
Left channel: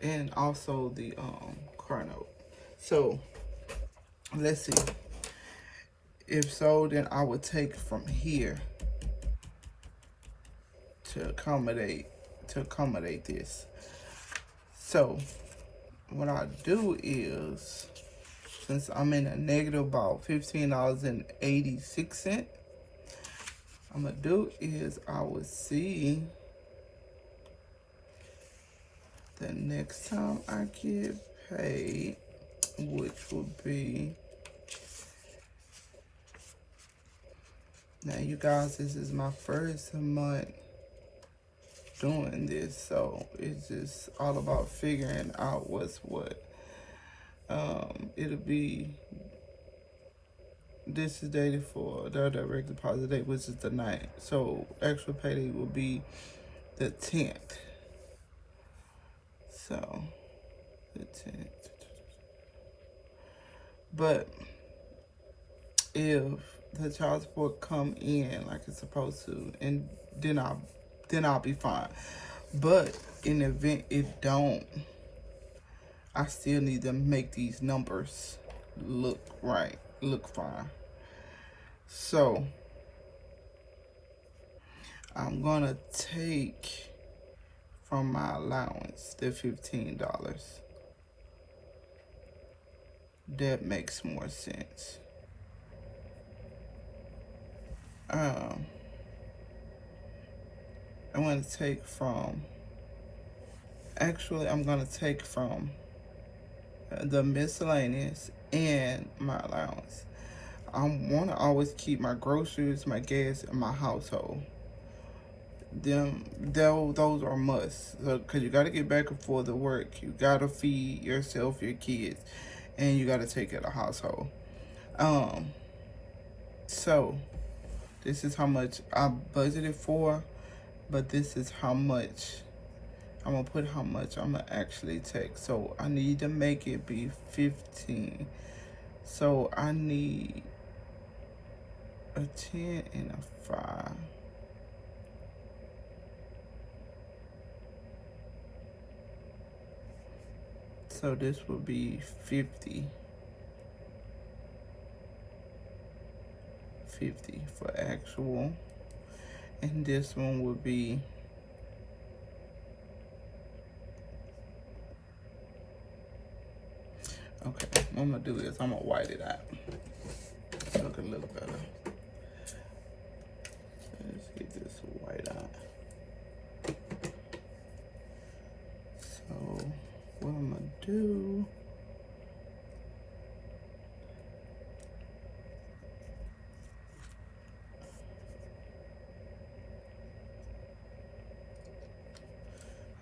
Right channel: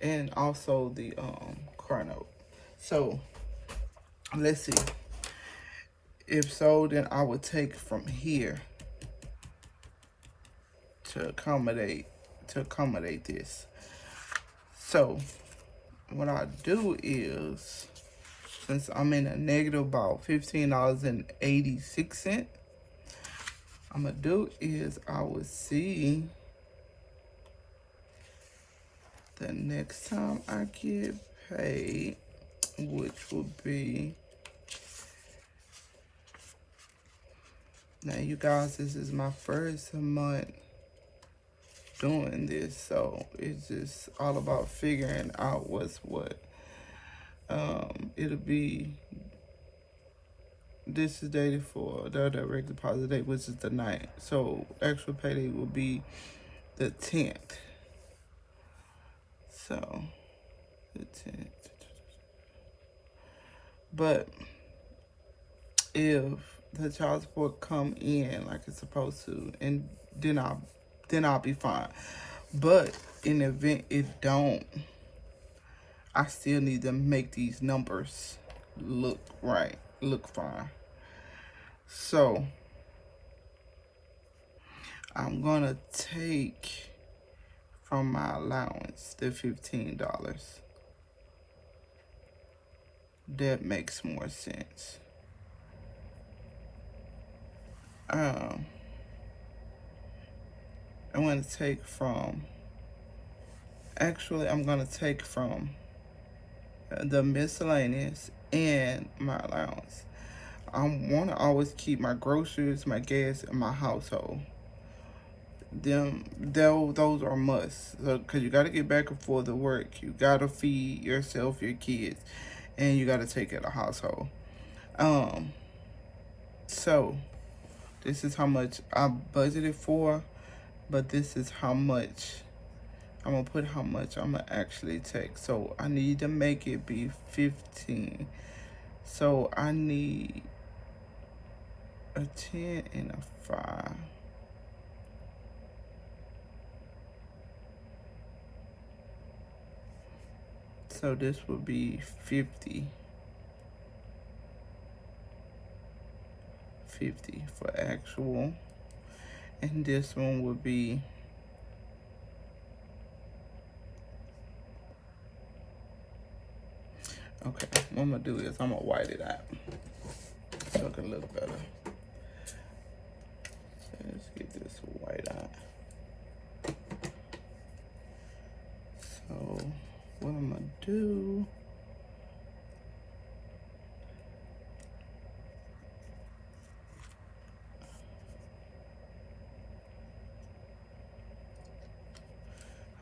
and also the car note. So let's see. If so, then I would take from here to accommodate this. So what I do is, since I'm in a negative about $15.86, I'm gonna do is I will see the next time I get paid, which will be, now you guys, this is my first month doing this, so it's just all about figuring out what's what. It'll be, this is dated for the direct deposit date, which is the 9th. So actual payday will be the 10th. So the 10th. But if the child support come in like it's supposed to, and then I'll be fine. But in the event it don't, I still need to make these numbers look right, look fine. So I'm gonna take from my allowance the $15. That makes more sense. I'm gonna take from, actually I'm gonna take from the miscellaneous and my allowance. I want to always keep my groceries, my gas, and my household. Those are musts. Because you got to get back and forth to work. You got to feed yourself, your kids, and you got to take care of the household. So this is how much I budgeted for, but this is how much I'm gonna put, how much I'm gonna actually take. So I need to make it be 15. So I need a 10 and a 5. So this will be 50. 50 for actual. And this one would be okay, what I'm gonna do is I'm gonna white it out. It's looking a little better. So let's get this white out. So what I'm gonna do,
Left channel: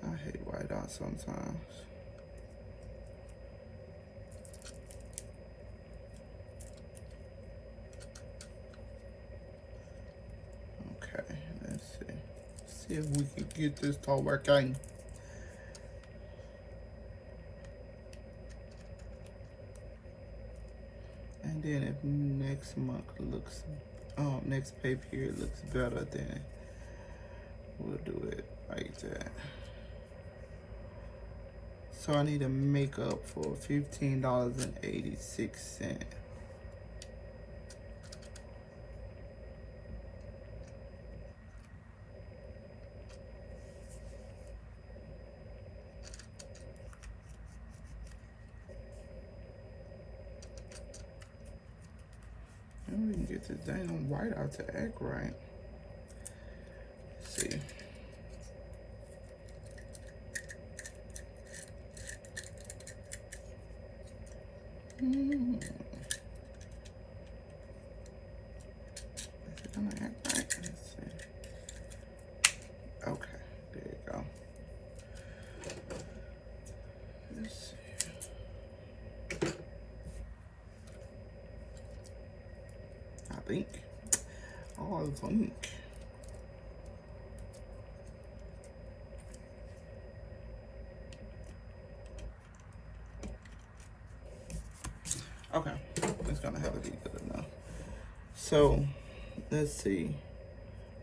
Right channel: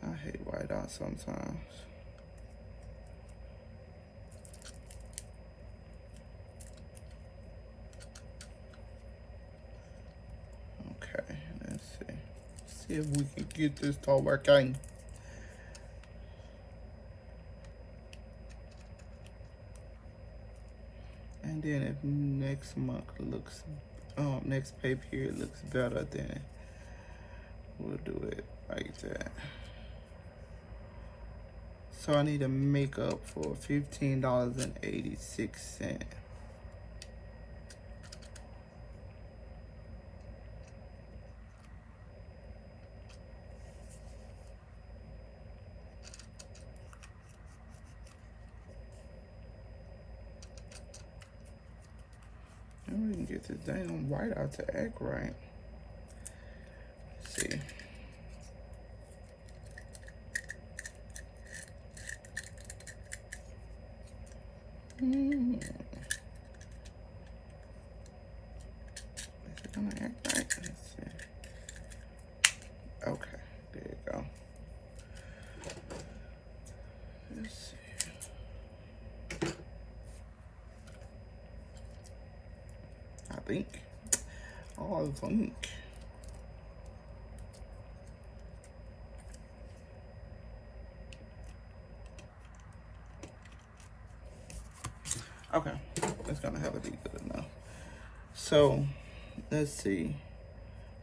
I hate white out sometimes. See if we can get this to work out. And then if next month looks, next pay period looks better, then we'll do it like that. So I need to make up for $15.86. I don't even get this damn white out to act right. Let's see. Is it gonna act right? Let's see. Okay, there you go. Let's see. I think. Oh, I think. Okay, that's gonna have to be good enough. So, let's see.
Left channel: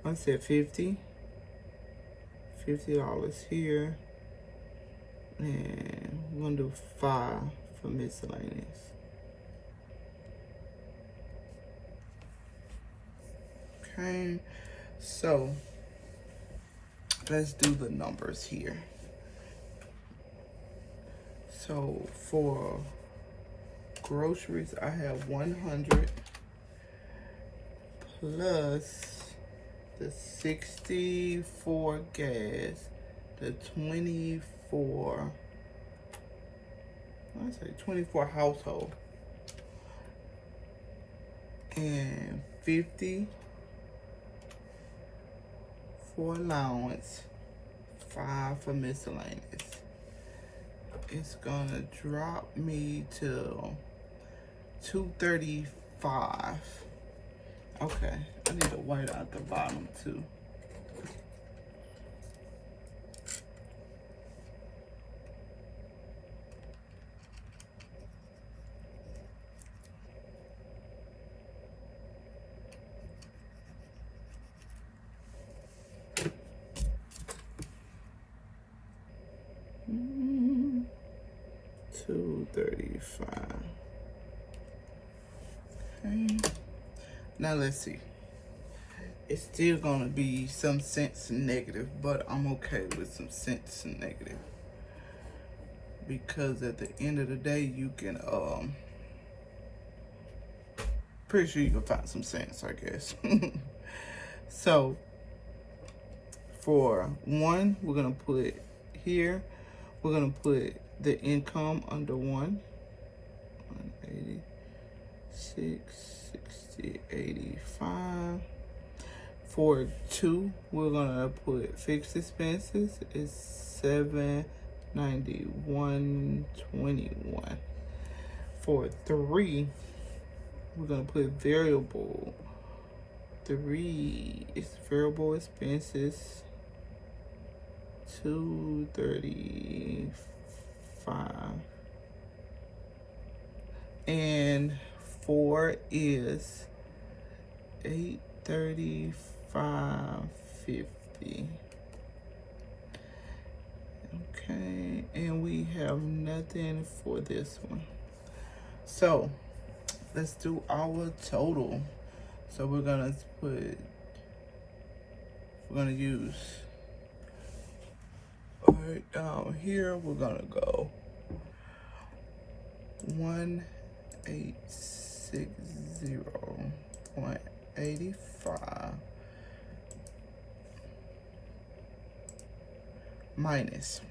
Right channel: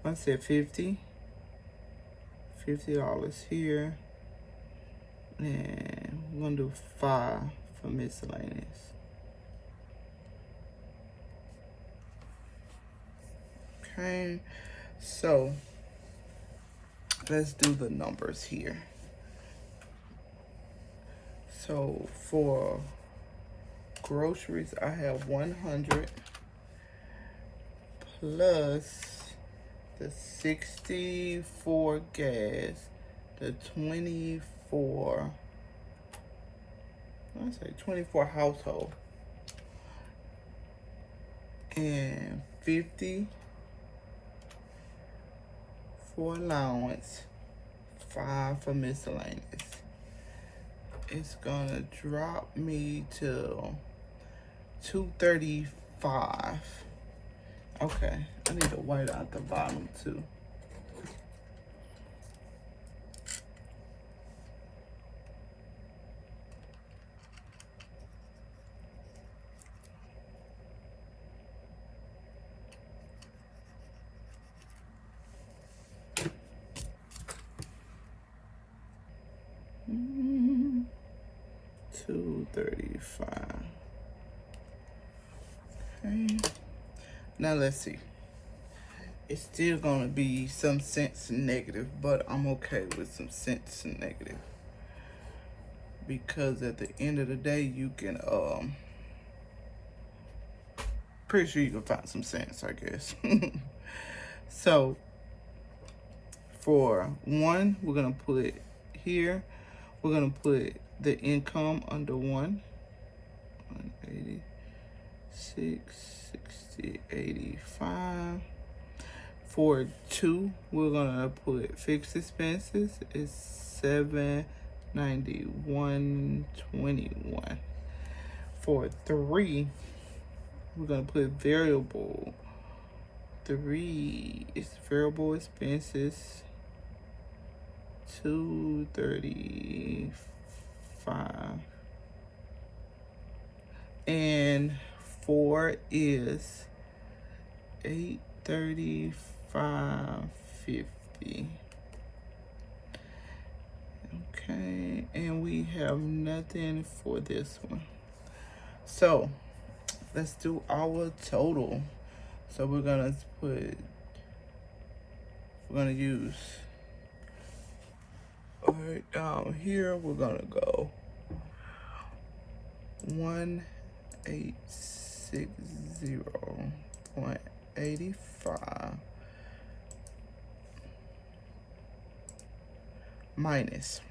I said $50 here, and we're gonna do 5 for miscellaneous. Okay, so let's do the numbers here. So for groceries, I have 100 plus the 64 gas, the 24, let's say 24 household, and 50 for allowance, 5 for miscellaneous. It's gonna drop me to 235. Okay, I need to white out the bottom too. Mm-hmm. 235. Okay. Now let's see. It's still gonna be some cents negative, but I'm okay with some cents negative. Because at the end of the day, you can, pretty sure you can find some cents, I guess. So, for 1, we're gonna put here, we're gonna put the income under 1. 186, 60, 85. For 2, we're gonna put fixed expenses is 791.21. For 3, we're gonna put variable. 3 is variable expenses, 235. And 4 is 835.50. Okay, and we have nothing for this one. So let's do our total. So we're gonna use right down here, we're gonna go 1860.85 minus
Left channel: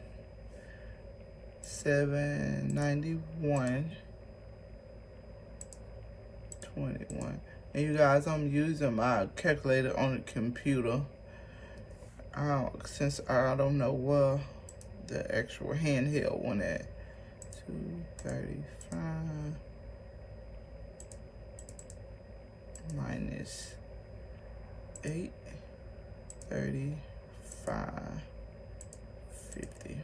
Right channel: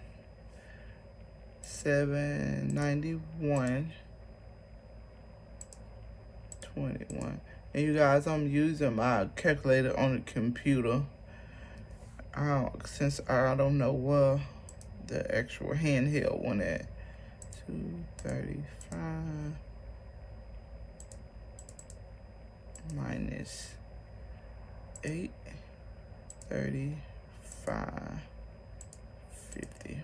791.21. And you guys, I'm using my calculator on the computer. Since I don't know the actual handheld one at. 235 minus 835.50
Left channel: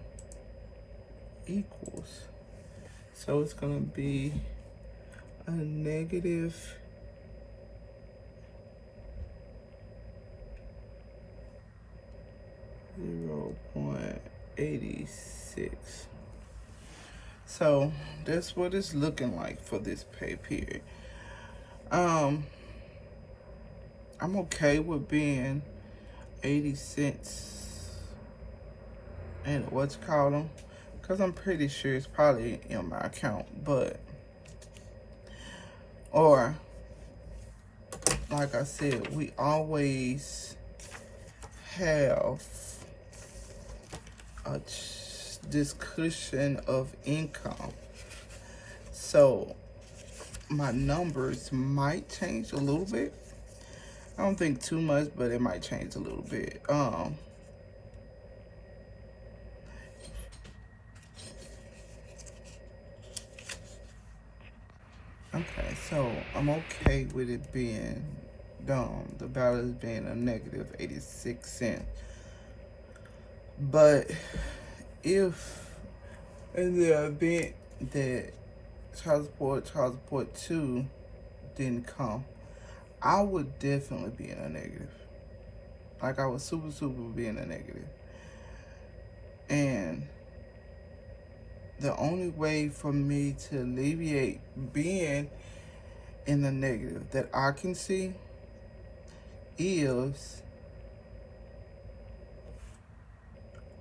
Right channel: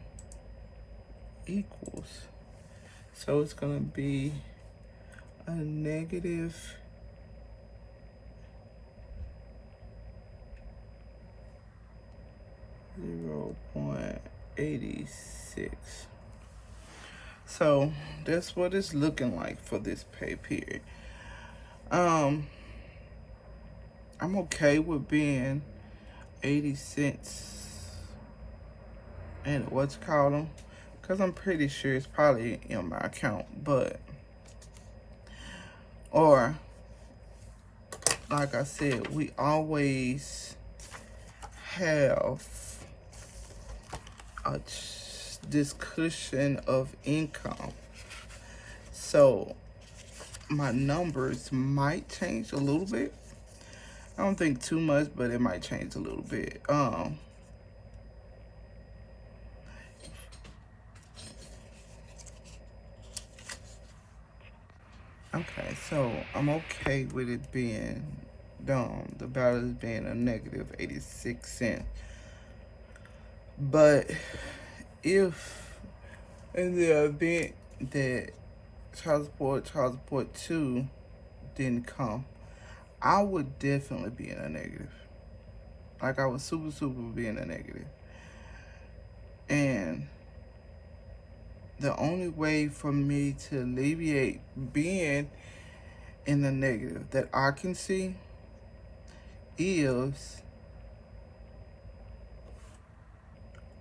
equals. So it's gonna be a negative 0.86. So that's what it's looking like for this pay period. I'm okay with being 80 cents and what's called them, because I'm pretty sure it's probably in my account, but, or like I said, we always have this cushion of income. So my numbers might change a little bit. I don't think too much, but it might change a little bit. Okay, so I'm okay with it being down, the balance being a negative 86 cents. But if in the event that child support 2 didn't come, I would definitely be in a negative. Like, I would super be in a negative. And the only way for me to alleviate being in the negative that I can see is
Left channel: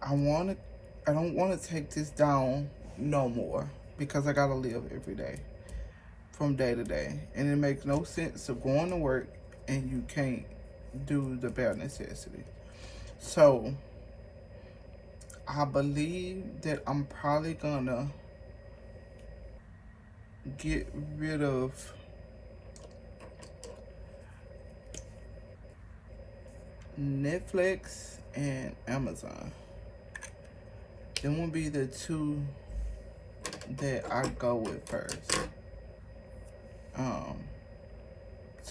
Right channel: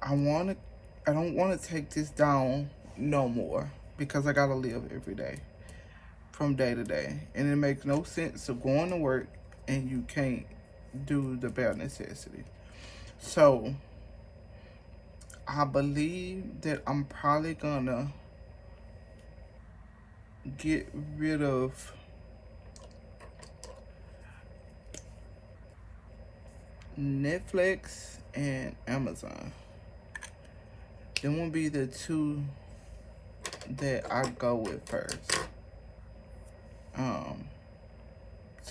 I don't want to take this down no more, because I gotta live every day from day to day, and it makes no sense of going to work and you can't do the bare necessity. So I believe that I'm probably gonna get rid of Netflix and Amazon. Them will be the 2 that I go with first.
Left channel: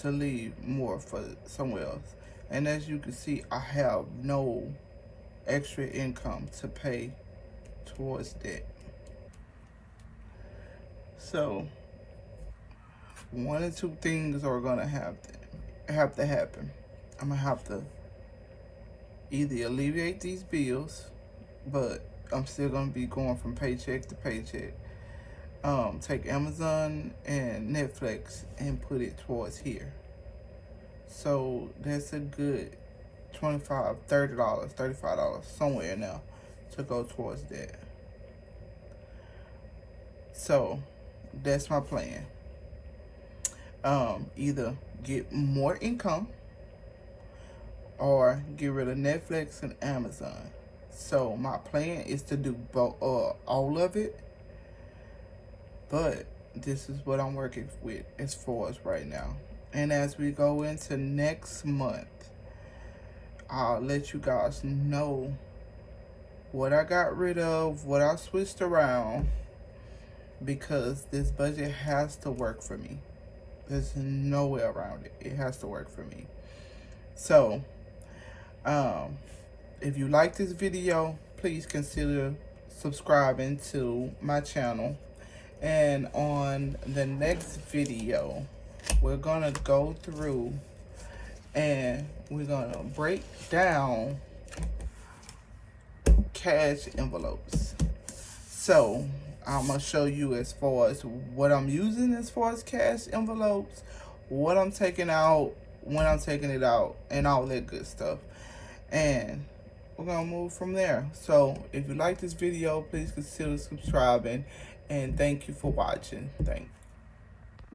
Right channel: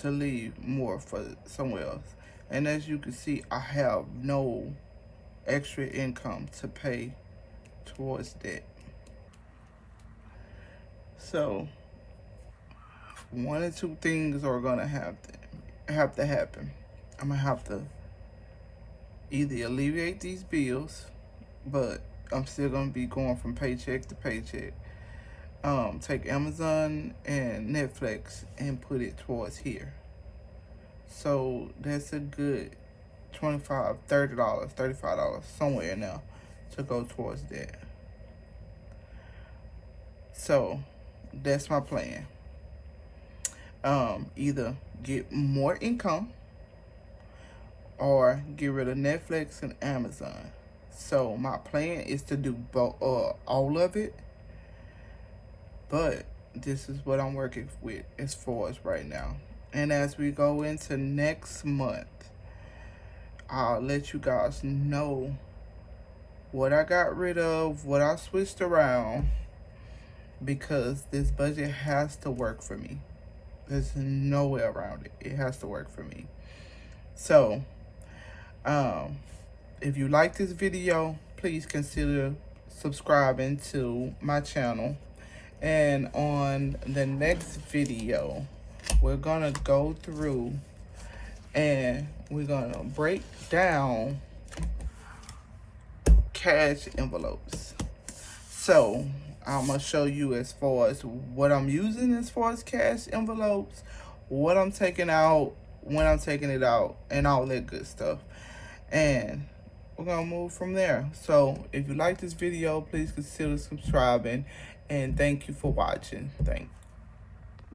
To leave more for somewhere else. And as you can see, I have no extra income to pay towards debt. So one or 2 things are gonna have to happen. I'm gonna have to either alleviate these bills, but I'm still gonna be going from paycheck to paycheck. Take Amazon and Netflix and put it towards here. So that's a good $25, $30, $35 somewhere now to go towards that. So that's my plan. Either get more income or get rid of Netflix and Amazon. So my plan is to do all of it, but this is what I'm working with as far as right now. And as we go into next month, I'll let you guys know what I got rid of, what I switched around, because this budget has to work for me. There's no way around it. It has to work for me. So, if you like this video, please consider subscribing to my channel. And on the next video, we're gonna go through and we're gonna break down cash envelopes. So I'm gonna show you as far as what I'm using as far as cash envelopes, what I'm taking out, when I'm taking it out, and all that good stuff. And we're gonna move from there. So if you like this video, please consider subscribing, and thank you for watching. Thanks.